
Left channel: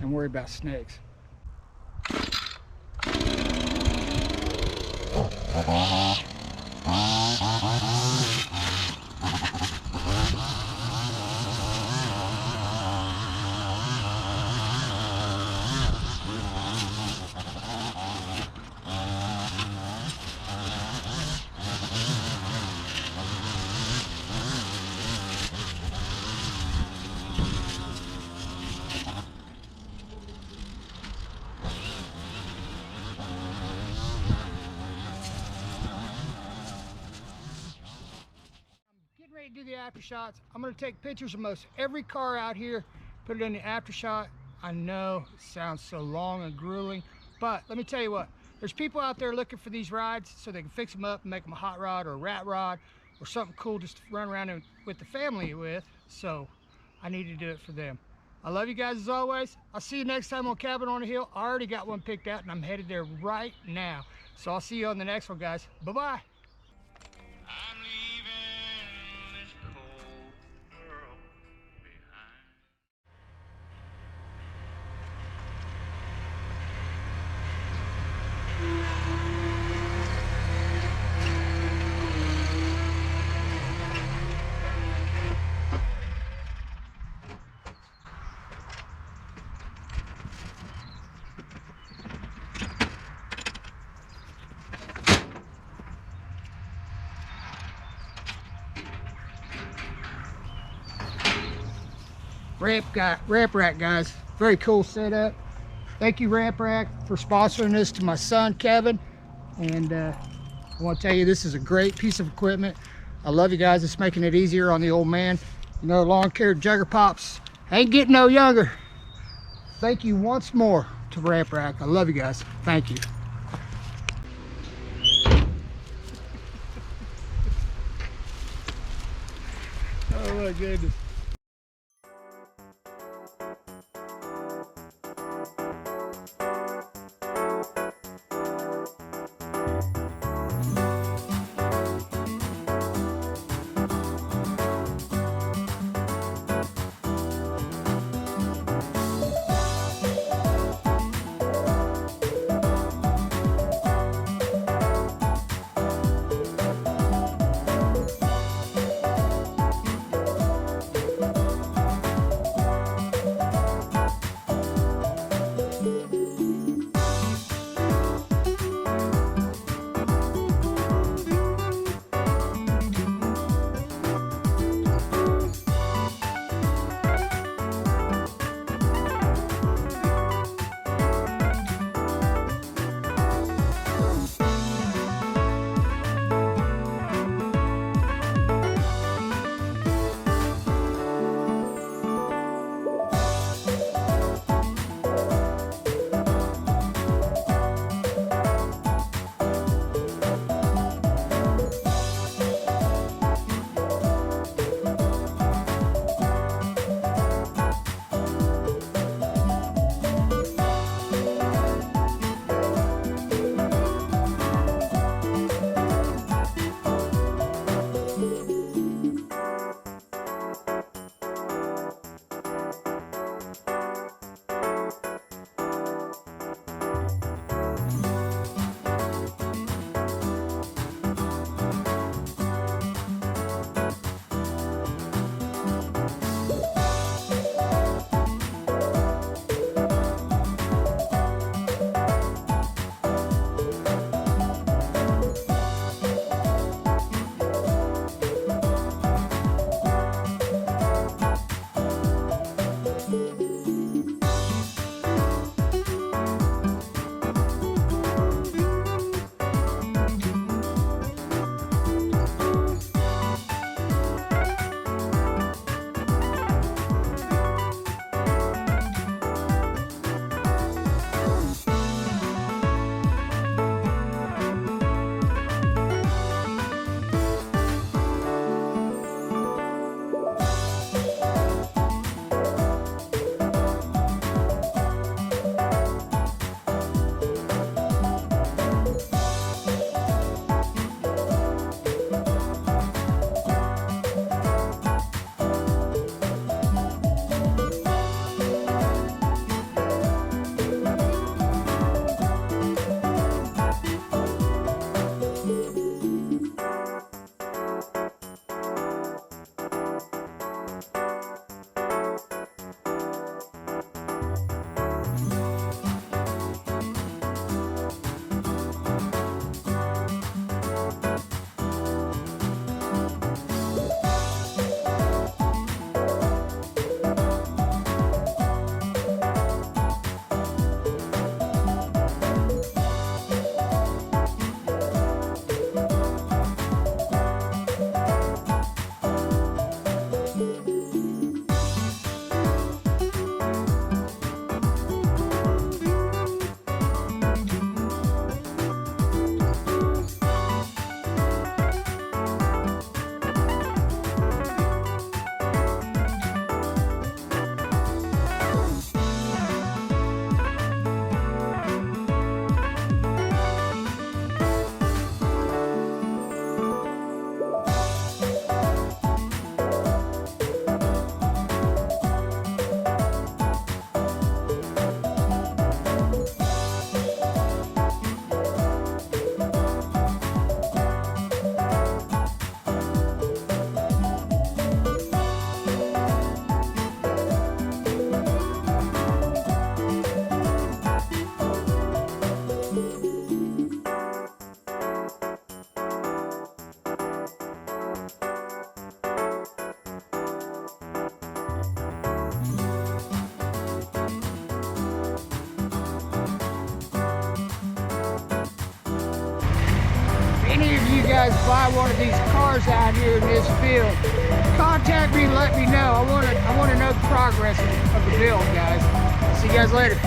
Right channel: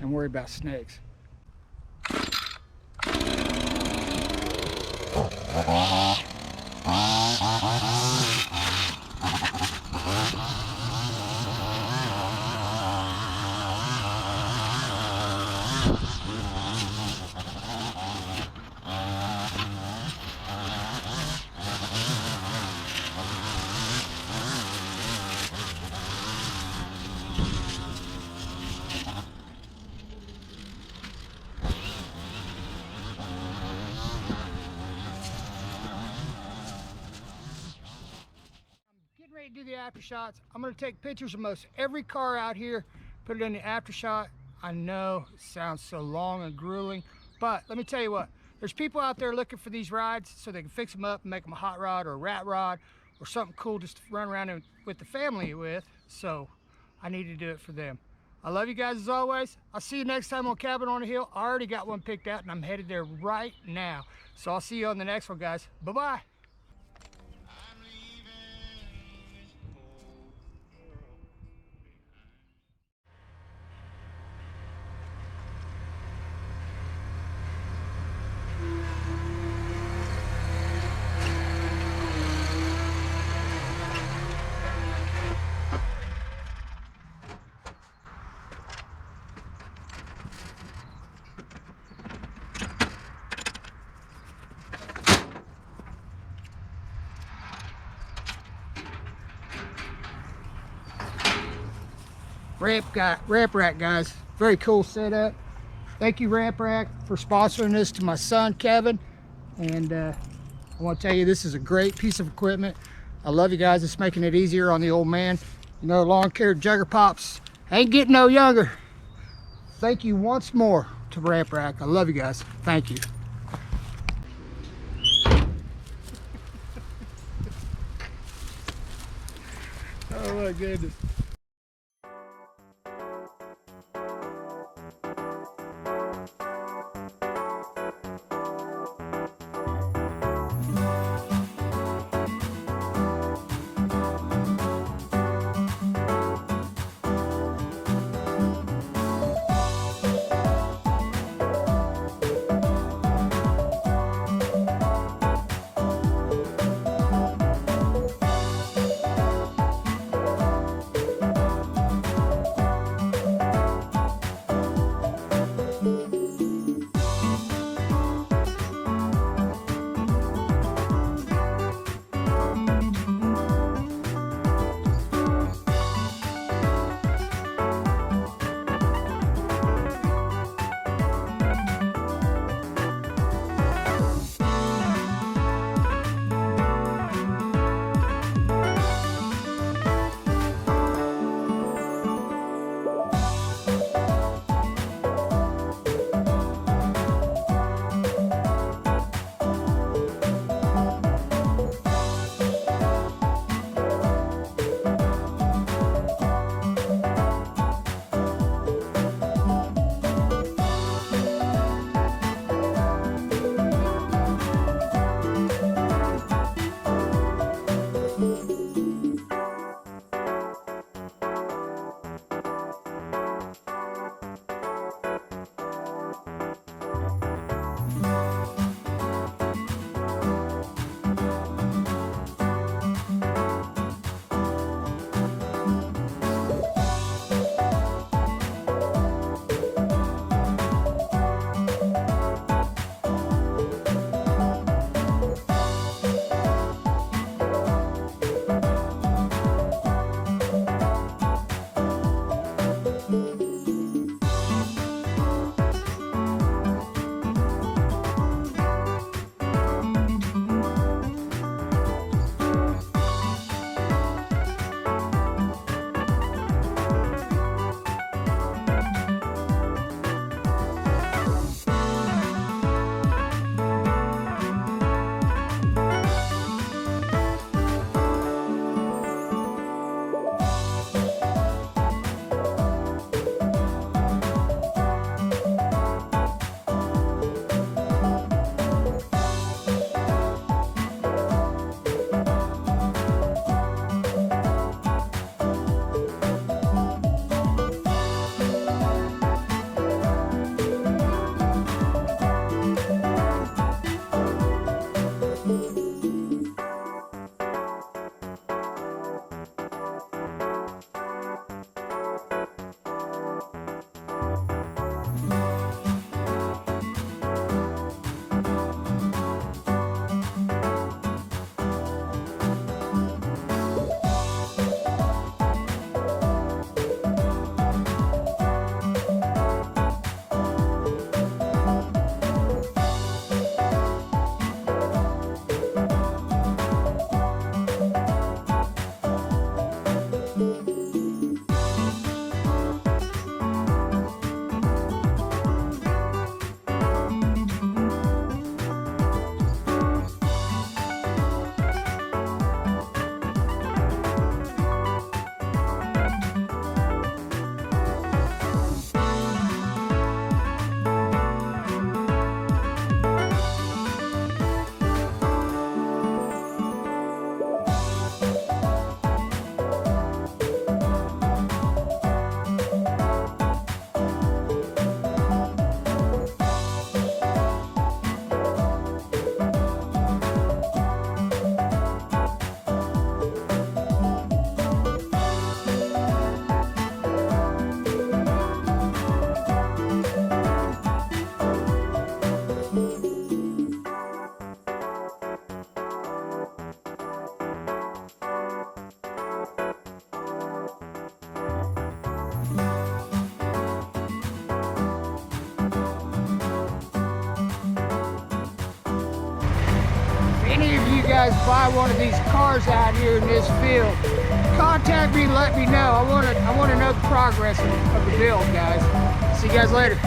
and worry about snakes. Ready to do the after shots. I'm going to take pictures of most every car out here, put it in the after shot. I know it sounds so long and grueling, but let me tell you what, there's people out there looking for these rides so they can fix them up and make them a hot rod or a rat rod or something cool just to run around with the family with. So I need to do it for them. I love you guys as always. I'll see you next time on Cabin on the Hill. I already got one picked out and I'm headed there right now. So I'll see you on the next one, guys. Bye-bye. Ramp Rack, guys. Very cool setup. Thank you, Ramp Rack, for sponsoring this to my son, Kevin. And I want to tell you, this is a great piece of equipment. I love you guys. It's making it easier on the old man. You know, lawn-care jugger pops ain't getting no younger. Thank you once more to Ramp Rack. I love you guys. Thank you. Oh my goodness. any of you guys buy one of these cars out here in this field, contact me and let me know. I want to know the progress of the build, guys. See you guys later.